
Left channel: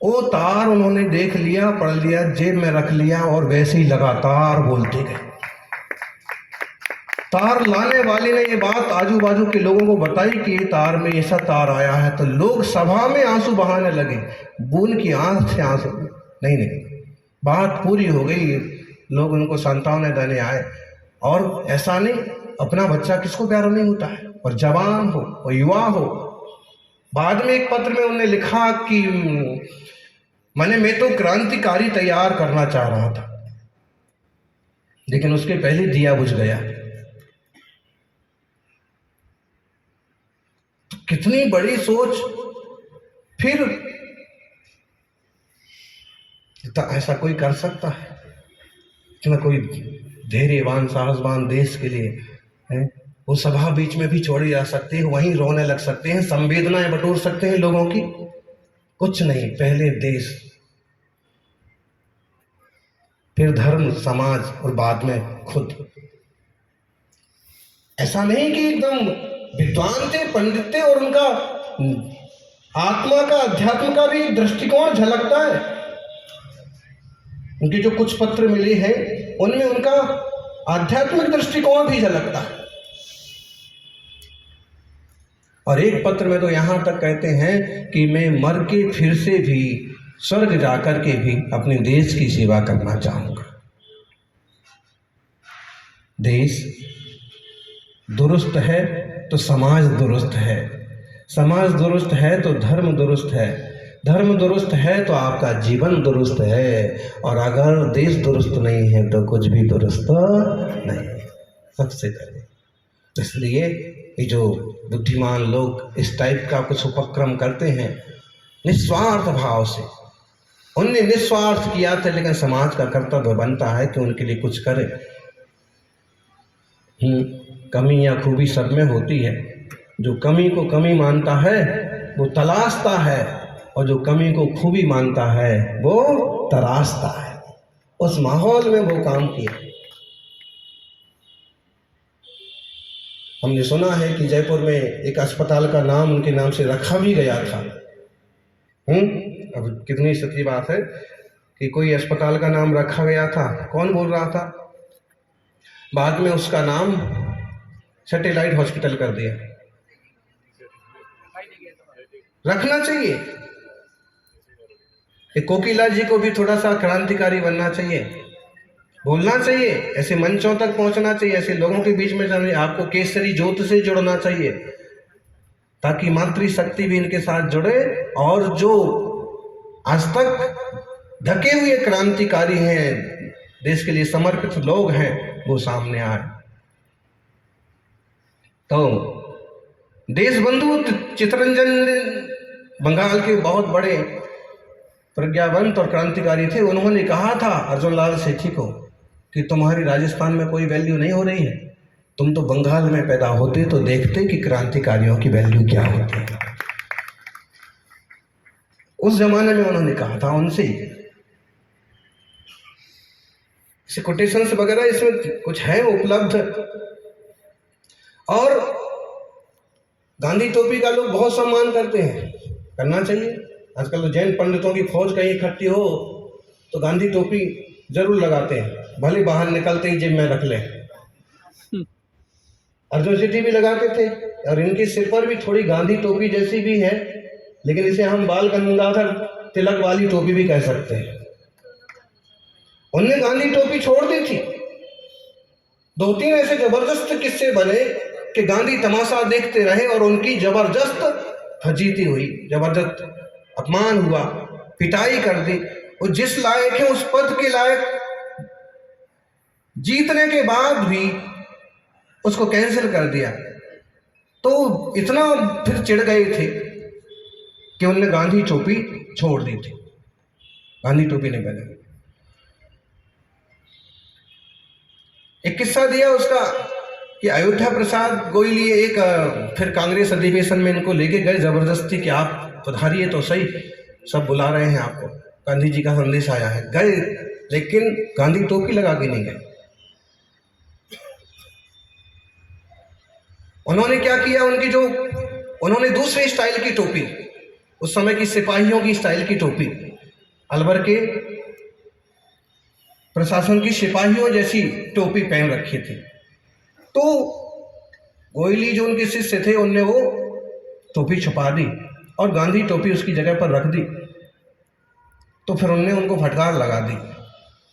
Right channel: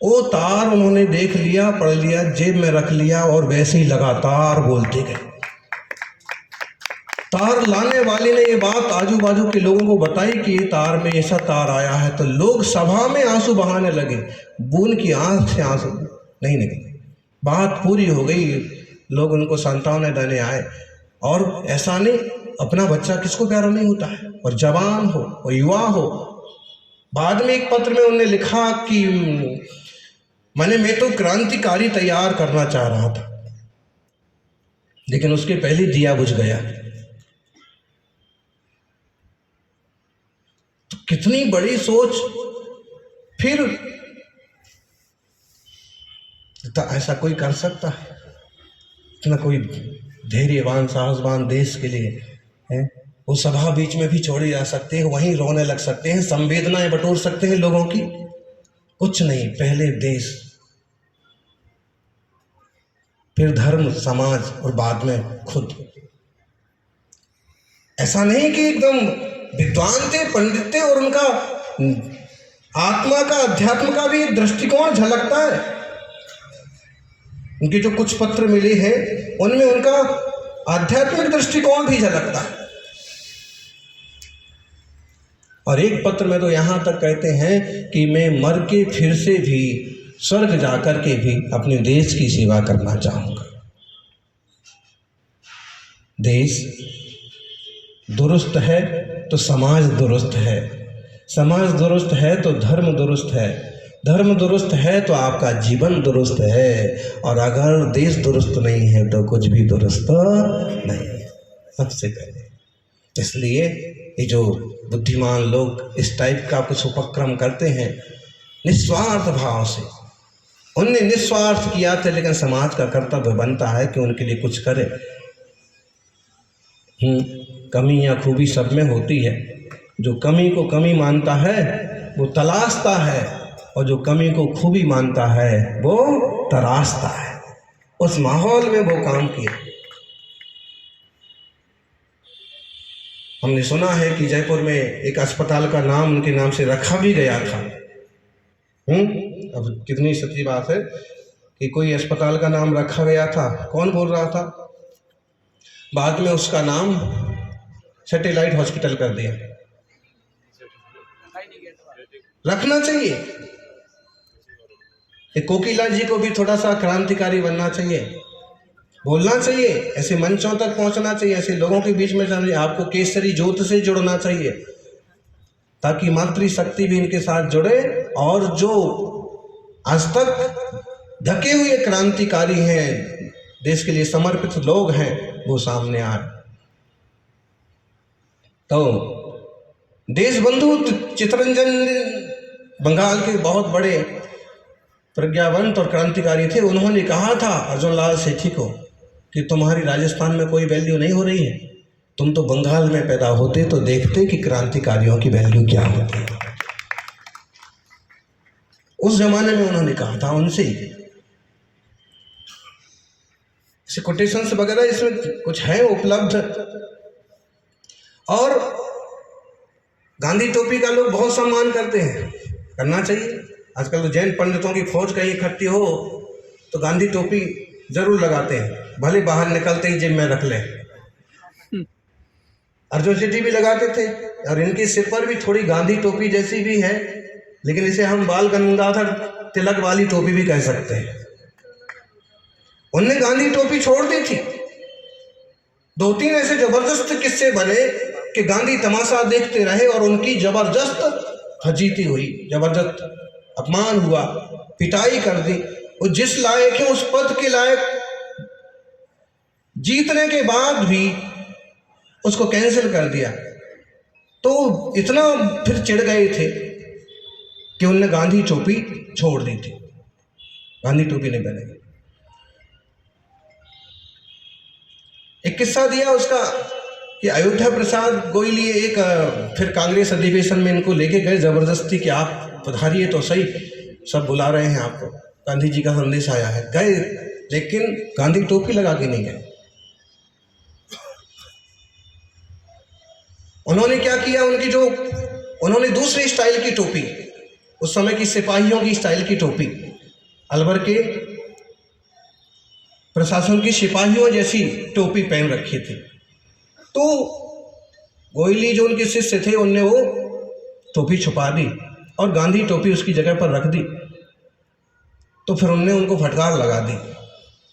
वो तार उन्होंने देख लिया, पढ़ लिया, जेब में रख लिया और वैसे ही लगातार बोलते गए। तार लाने वाले ने ये बात आजू बाजू के लोगों को बताई कि ये तार में ऐसा तार आया है, तो लोग सभा में आंसू बहाने लगे। बूंद की आंख से आंसू नहीं निकले, बात पूरी हो गई। लोग उनको सांत्वना देने आए। और ऐसा नहीं, अपना बच्चा किसको प्यारा नहीं होता है, और जवान हो और युवा हो। बाद में एक पत्र में उन्होंने लिखा कि मैं तो क्रांतिकारी तैयार करना चाह रहा था, लेकिन उसके पहले दिया बुझ गया। तो कितनी बड़ी सोच। फिर तो ऐसा कोई कर सकता है, इतना कोई धैर्यवान साहसवान देश के लिए है। वो सभा बीच में भी छोड़ी जा सकते हैं, वहीं रोने लग सकते हैं, संवेदनाएं बटोर सकते हैं लोगों की। कुछ नहीं, पहले देश, फिर धर्म समाज और बाद में खुद। ऐसा नहीं कि एकदम विद्वान थे, पंडित थे और उनका आत्मा का अध्यात्म का भी दृष्टिकोण झलकता है। उनके जो कुछ पत्र मिले हैं उनमें उनका आध्यात्मिक दृष्टिकोण भी झलकता है। और एक पत्र में तो यहाँ तक कहते हैं कि मैं मर के फिर से भी स्वर्ग जाकर के भी अपने देश की सेवा करना चाहूँगा। देश दुरुस्त है तो समाज दुरुस्त है, समाज दुरुस्त है तो धर्म दुरुस्त है, धर्म दुरुस्त है तो आपका जीवन दुरुस्त है, और अगर देश दुरुस्त नहीं है तो कुछ भी दुरुस्त नहीं है। सबसे पहले इसलिए ये जो बुद्धिमान लोग इस टाइप का कुछ उपक्रम करते हैं निस्वार्थ भाव से, उनने निस्वार्थ किया था, लेकिन समाज का कर्तव्य बनता है कि उनके लिए कुछ करे। कमी या खूबी सब में होती है। जो कमी को कमी मानता है वो तलाशता है, और जो कमी को खूबी मानता है वो तराशता है। उस माहौल में वो काम किया। हमने सुना है कि जयपुर में एक अस्पताल का नाम उनके नाम से रखा भी गया था। अब कितनी सच्ची बात है कि कोई अस्पताल का नाम रखा गया था। कौन बोल रहा था? बाद में उसका नाम सैटेलाइट हॉस्पिटल कर दिया। रखना चाहिए। कोकिला जी को भी थोड़ा सा क्रांतिकारी बनना चाहिए, बोलना चाहिए, ऐसे मंचों तक पहुंचना चाहिए, ऐसे लोगों के बीच में जाना। आपको केसरी ज्योत से जुड़ना चाहिए ताकि मातृशक्ति भी इनके साथ जुड़े, और जो आज तक ढके हुए क्रांतिकारी हैं, देश के लिए समर्पित लोग हैं, वो सामने आए। तो देशबंधु चित्तरंजन बंगाल के बहुत बड़े प्रज्ञावंत और क्रांतिकारी थे। उन्होंने कहा था अर्जुन लाल सेठी को कि तुम्हारी राजस्थान में कोई वैल्यू नहीं हो रही है, तुम तो बंगाल में पैदा होते तो देखते कि क्रांतिकारियों की वैल्यू क्या होती है। उस जमाने में उन्होंने कहा था उनसे। इसे कोटेशंस वगैरह इसमें कुछ है उपलब्ध। और गांधी टोपी का लोग बहुत सम्मान करते हैं, करना चाहिए। आजकल तो जैन पंडितों की फौज कहीं इकट्ठी हो तो गांधी टोपी जरूर लगाते हैं, भले बाहर निकलते ही जेब में रख लें। अर्जुन सेठी भी लगाते थे, और इनके सिर पर भी थोड़ी गांधी टोपी जैसी भी है, लेकिन इसे हम बाल गंगाधर तिलक वाली टोपी भी कह सकते हैं। उनने गांधी टोपी छोड़ दी थी। 2-3 ऐसे जबरदस्त किस्से बने कि गांधी तमाशा देखते रहे और उनकी जबरदस्त फजीती हुई, जबरदस्त अपमान हुआ, पिटाई कर दी। वो जिस लायक है उस पद के लायक जीतने के बाद भी उसको कैंसिल कर दिया। तो इतना फिर चिढ़ गए थे कि उन्होंने गांधी टोपी छोड़ दी थी, गांधी टोपी नहीं पहने। एक किस्सा दिया उसका कि अयोध्या प्रसाद गोयली एक फिर कांग्रेस अधिवेशन में इनको लेके गए जबरदस्ती कि आप पधारिए तो सही, सब बुला रहे हैं आपको, गांधी जी का संदेश आया है। गए, लेकिन गांधी टोपी लगा के नहीं गए। उन्होंने क्या किया, उन्होंने दूसरी स्टाइल की टोपी, उस समय की सिपाहियों की स्टाइल की टोपी, अलवर के प्रशासन की सिपाहियों जैसी टोपी पहन रखी थी। तो गोयली जो उनके शिष्य थे उनने वो टोपी छुपा दी और गांधी टोपी उसकी जगह पर रख दी। तो फिर उन्होंने उनको फटकार लगा दी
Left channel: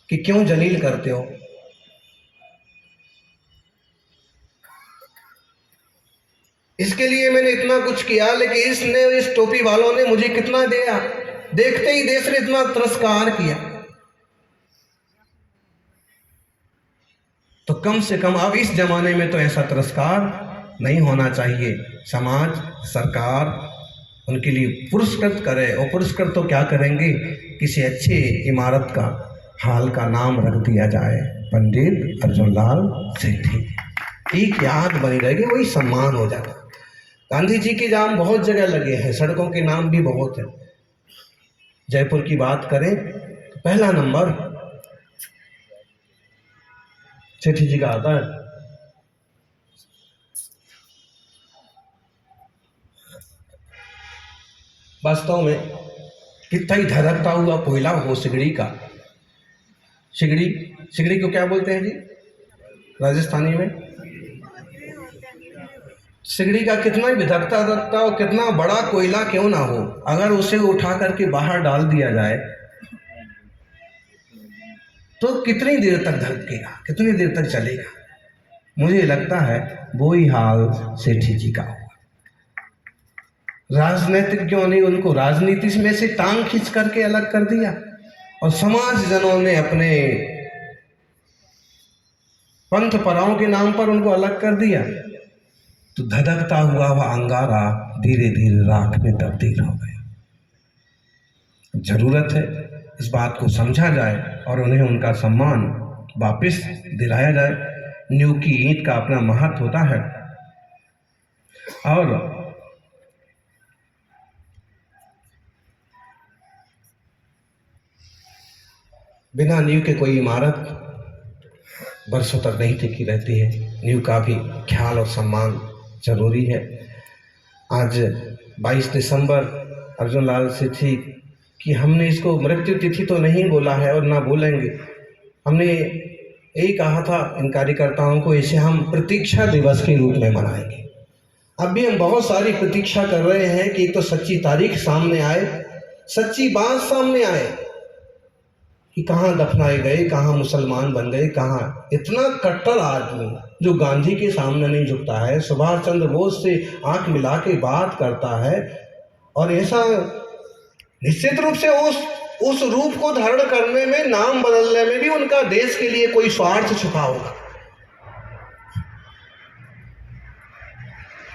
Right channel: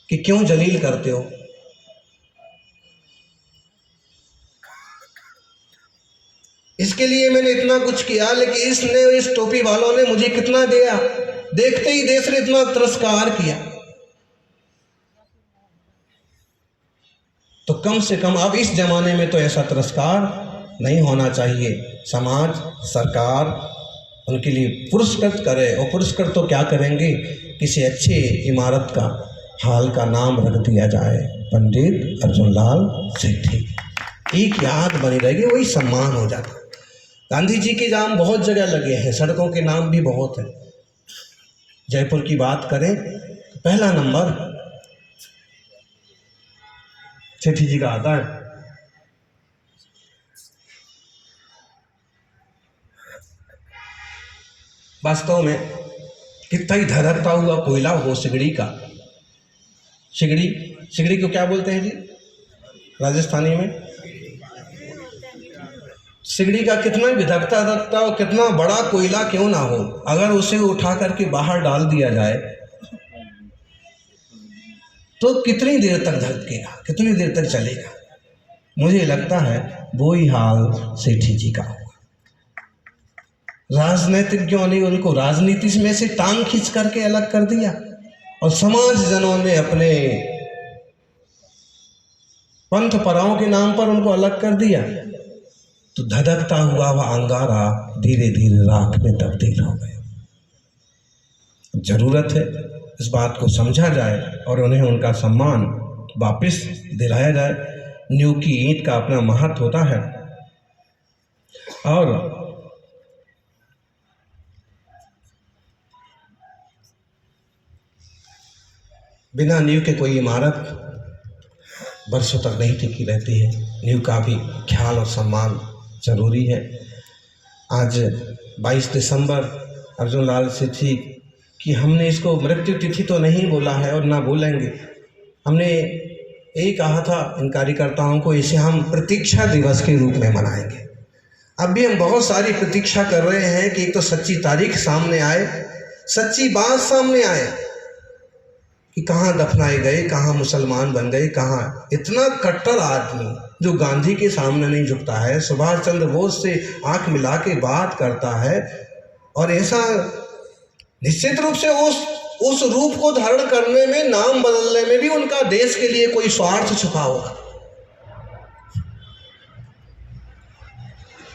कि क्यों जलील करते हो। इसके लिए मैंने इतना कुछ किया, लेकिन इस टोपी वालों ने मुझे कितना दिया, देखते ही देश ने इतना तिरस्कार किया। तो कम से कम अब इस जमाने में तो ऐसा तिरस्कार नहीं होना चाहिए। समाज, सरकार उनके लिए पुरस्कृत करे, और पुरस्कृत तो क्या करेंगे, किसी अच्छे इमारत का हाल का नाम रख दिया जाए, पंडित अर्जुनलाल सेठी, एक याद बनी रहेगी, वही सम्मान हो जाता। गांधी जी के नाम बहुत जगह लगे हैं, सड़कों के नाम भी बहुत हैं। जयपुर की बात करें तो पहला नंबर सेठी जी का आता है। वास्तव में कितना ही धधकता हुआ कोयला हो सिगड़ी का। सिगड़ी को क्या बोलते हैं जी राजस्थानी में? सिगड़ी का कितना ही धधकता और कितना बड़ा कोयला क्यों ना हो, अगर उसे उठा करके बाहर डाल दिया जाए तो कितनी देर तक धधकेगा, कितनी देर तक चलेगा। मुझे लगता है वो ही हाल सेठी जी का होगा। राजनीतिज्ञों ने उनको राजनीति में से टांग खींच करके अलग कर दिया और समाज जनों ने अपने पंथ पराओं के नाम पर उनको अलग कर दिया। तो धधकता हुआ वह अंगारा धीरे धीरे राख में तब्दील हो गया। जरूरत है इस बात को समझा जाए और उन्हें उनका सम्मान वापस दिलाया जाए। नींव की ईंट का अपना महत्व होता है और बिना नींव के कोई इमारत बरसों तक नहीं टिकी रहती है। नींव का भी ख्याल और सम्मान जरूरी है। आज 22 दिसंबर अर्जुनलाल सेठी कि हमने इसको मृत्यु तिथि तो नहीं बोला है और ना बोलेंगे। हमने यही कहा था इन कार्यकर्ताओं को, इसे हम प्रतीक्षा दिवस के रूप में मनाएंगे। अब भी हम बहुत सारी प्रतीक्षा कर रहे हैं कि एक तो सच्ची तारीख सामने आए, सच्ची बात सामने आए कि कहाँ दफनाए गए, कहाँ मुसलमान बन गए, कहाँ इतना कट्टर आदमी जो गांधी के सामने नहीं झुकता है, सुभाष चंद्र बोस से आंख मिला के बात करता है। और ऐसा निश्चित रूप से उस रूप को धारण करने में, नाम बदलने में भी उनका देश के लिए कोई स्वार्थ छुपा होगा।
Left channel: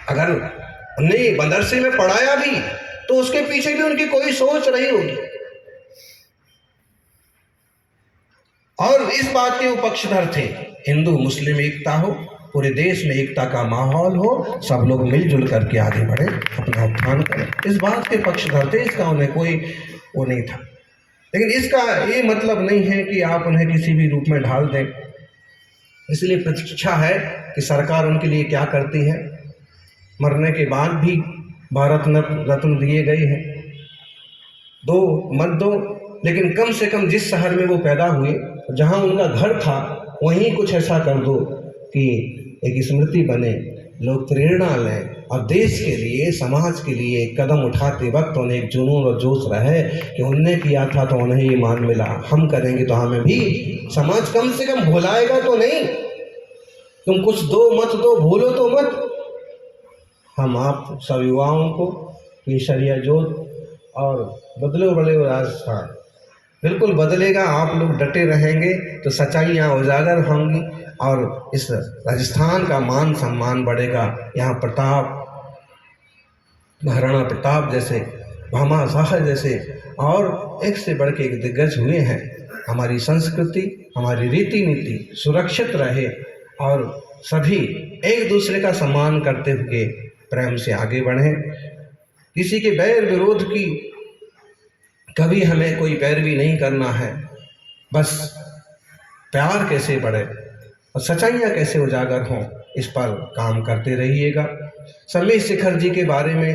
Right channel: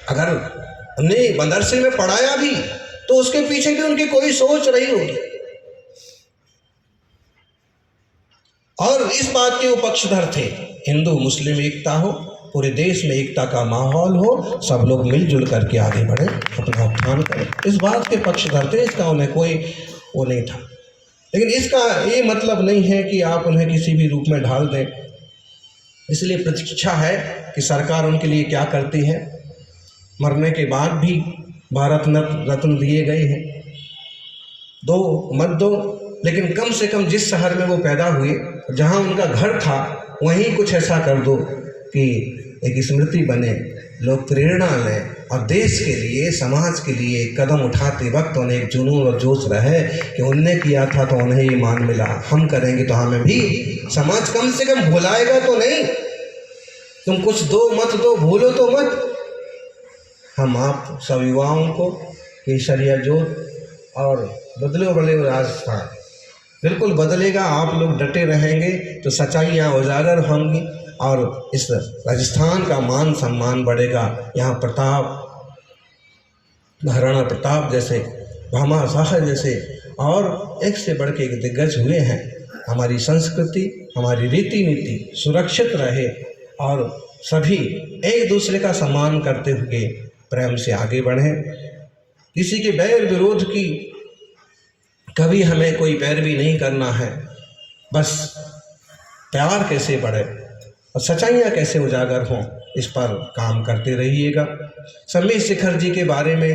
अगर उन्हें मदरसे में पढ़ाया भी तो उसके पीछे भी उनकी कोई सोच रही होगी। और इस बात के वो पक्षधर थे, हिंदू मुस्लिम एकता हो, पूरे देश में एकता का माहौल हो, सब लोग मिलजुल करके आगे बढ़े, अपना उत्थान करें, इस बात के पक्षधर थे। इसका उन्हें कोई वो नहीं था। लेकिन इसका ये मतलब नहीं है कि आप उन्हें किसी भी रूप में ढाल दें। इसलिए प्रतीक्षा है कि सरकार उनके लिए क्या करती है। मरने के बाद भी भारत रत्न दिए गए हैं, दो मत दो, लेकिन कम से कम जिस शहर में वो पैदा हुए, जहाँ उनका घर था, वहीं कुछ ऐसा कर दो कि एक स्मृति बने, लोग प्रेरणा लें और देश के लिए, समाज के लिए कदम उठाते वक्त उन्हें एक जुनून और जोश रहे कि उनने किया था तो उन्हें ये मान मिला, हम करेंगे तो हमें भी समाज कम से कम भुलाएगा तो नहीं। तुम कुछ दो मत दो, भूलो तो मत। हम आप सब युवाओं को केसरिया जोत और बदलो बड़े राजस्थान बिल्कुल बदलेगा। आप लोग डटे रहेंगे तो सच्चाइयाँ उजागर होंगी और इस राजस्थान का मान सम्मान बढ़ेगा। यहाँ प्रताप, महाराणा प्रताप जैसे, भामा शाह जैसे और एक से बढ़ के एक दिग्गज हुए हैं। हमारी संस्कृति, हमारी रीति नीति सुरक्षित रहे और सभी एक दूसरे का सम्मान करते हुए प्रेम से आगे बढ़ें। किसी के बैर विरोध की कभी हमें कोई पैरवी नहीं करना है। बस प्यार कैसे बढ़े और सच्चाइयाँ कैसे उजागर हों, इस पर काम करते रहिएगा। समीर शेखर जी के बारे में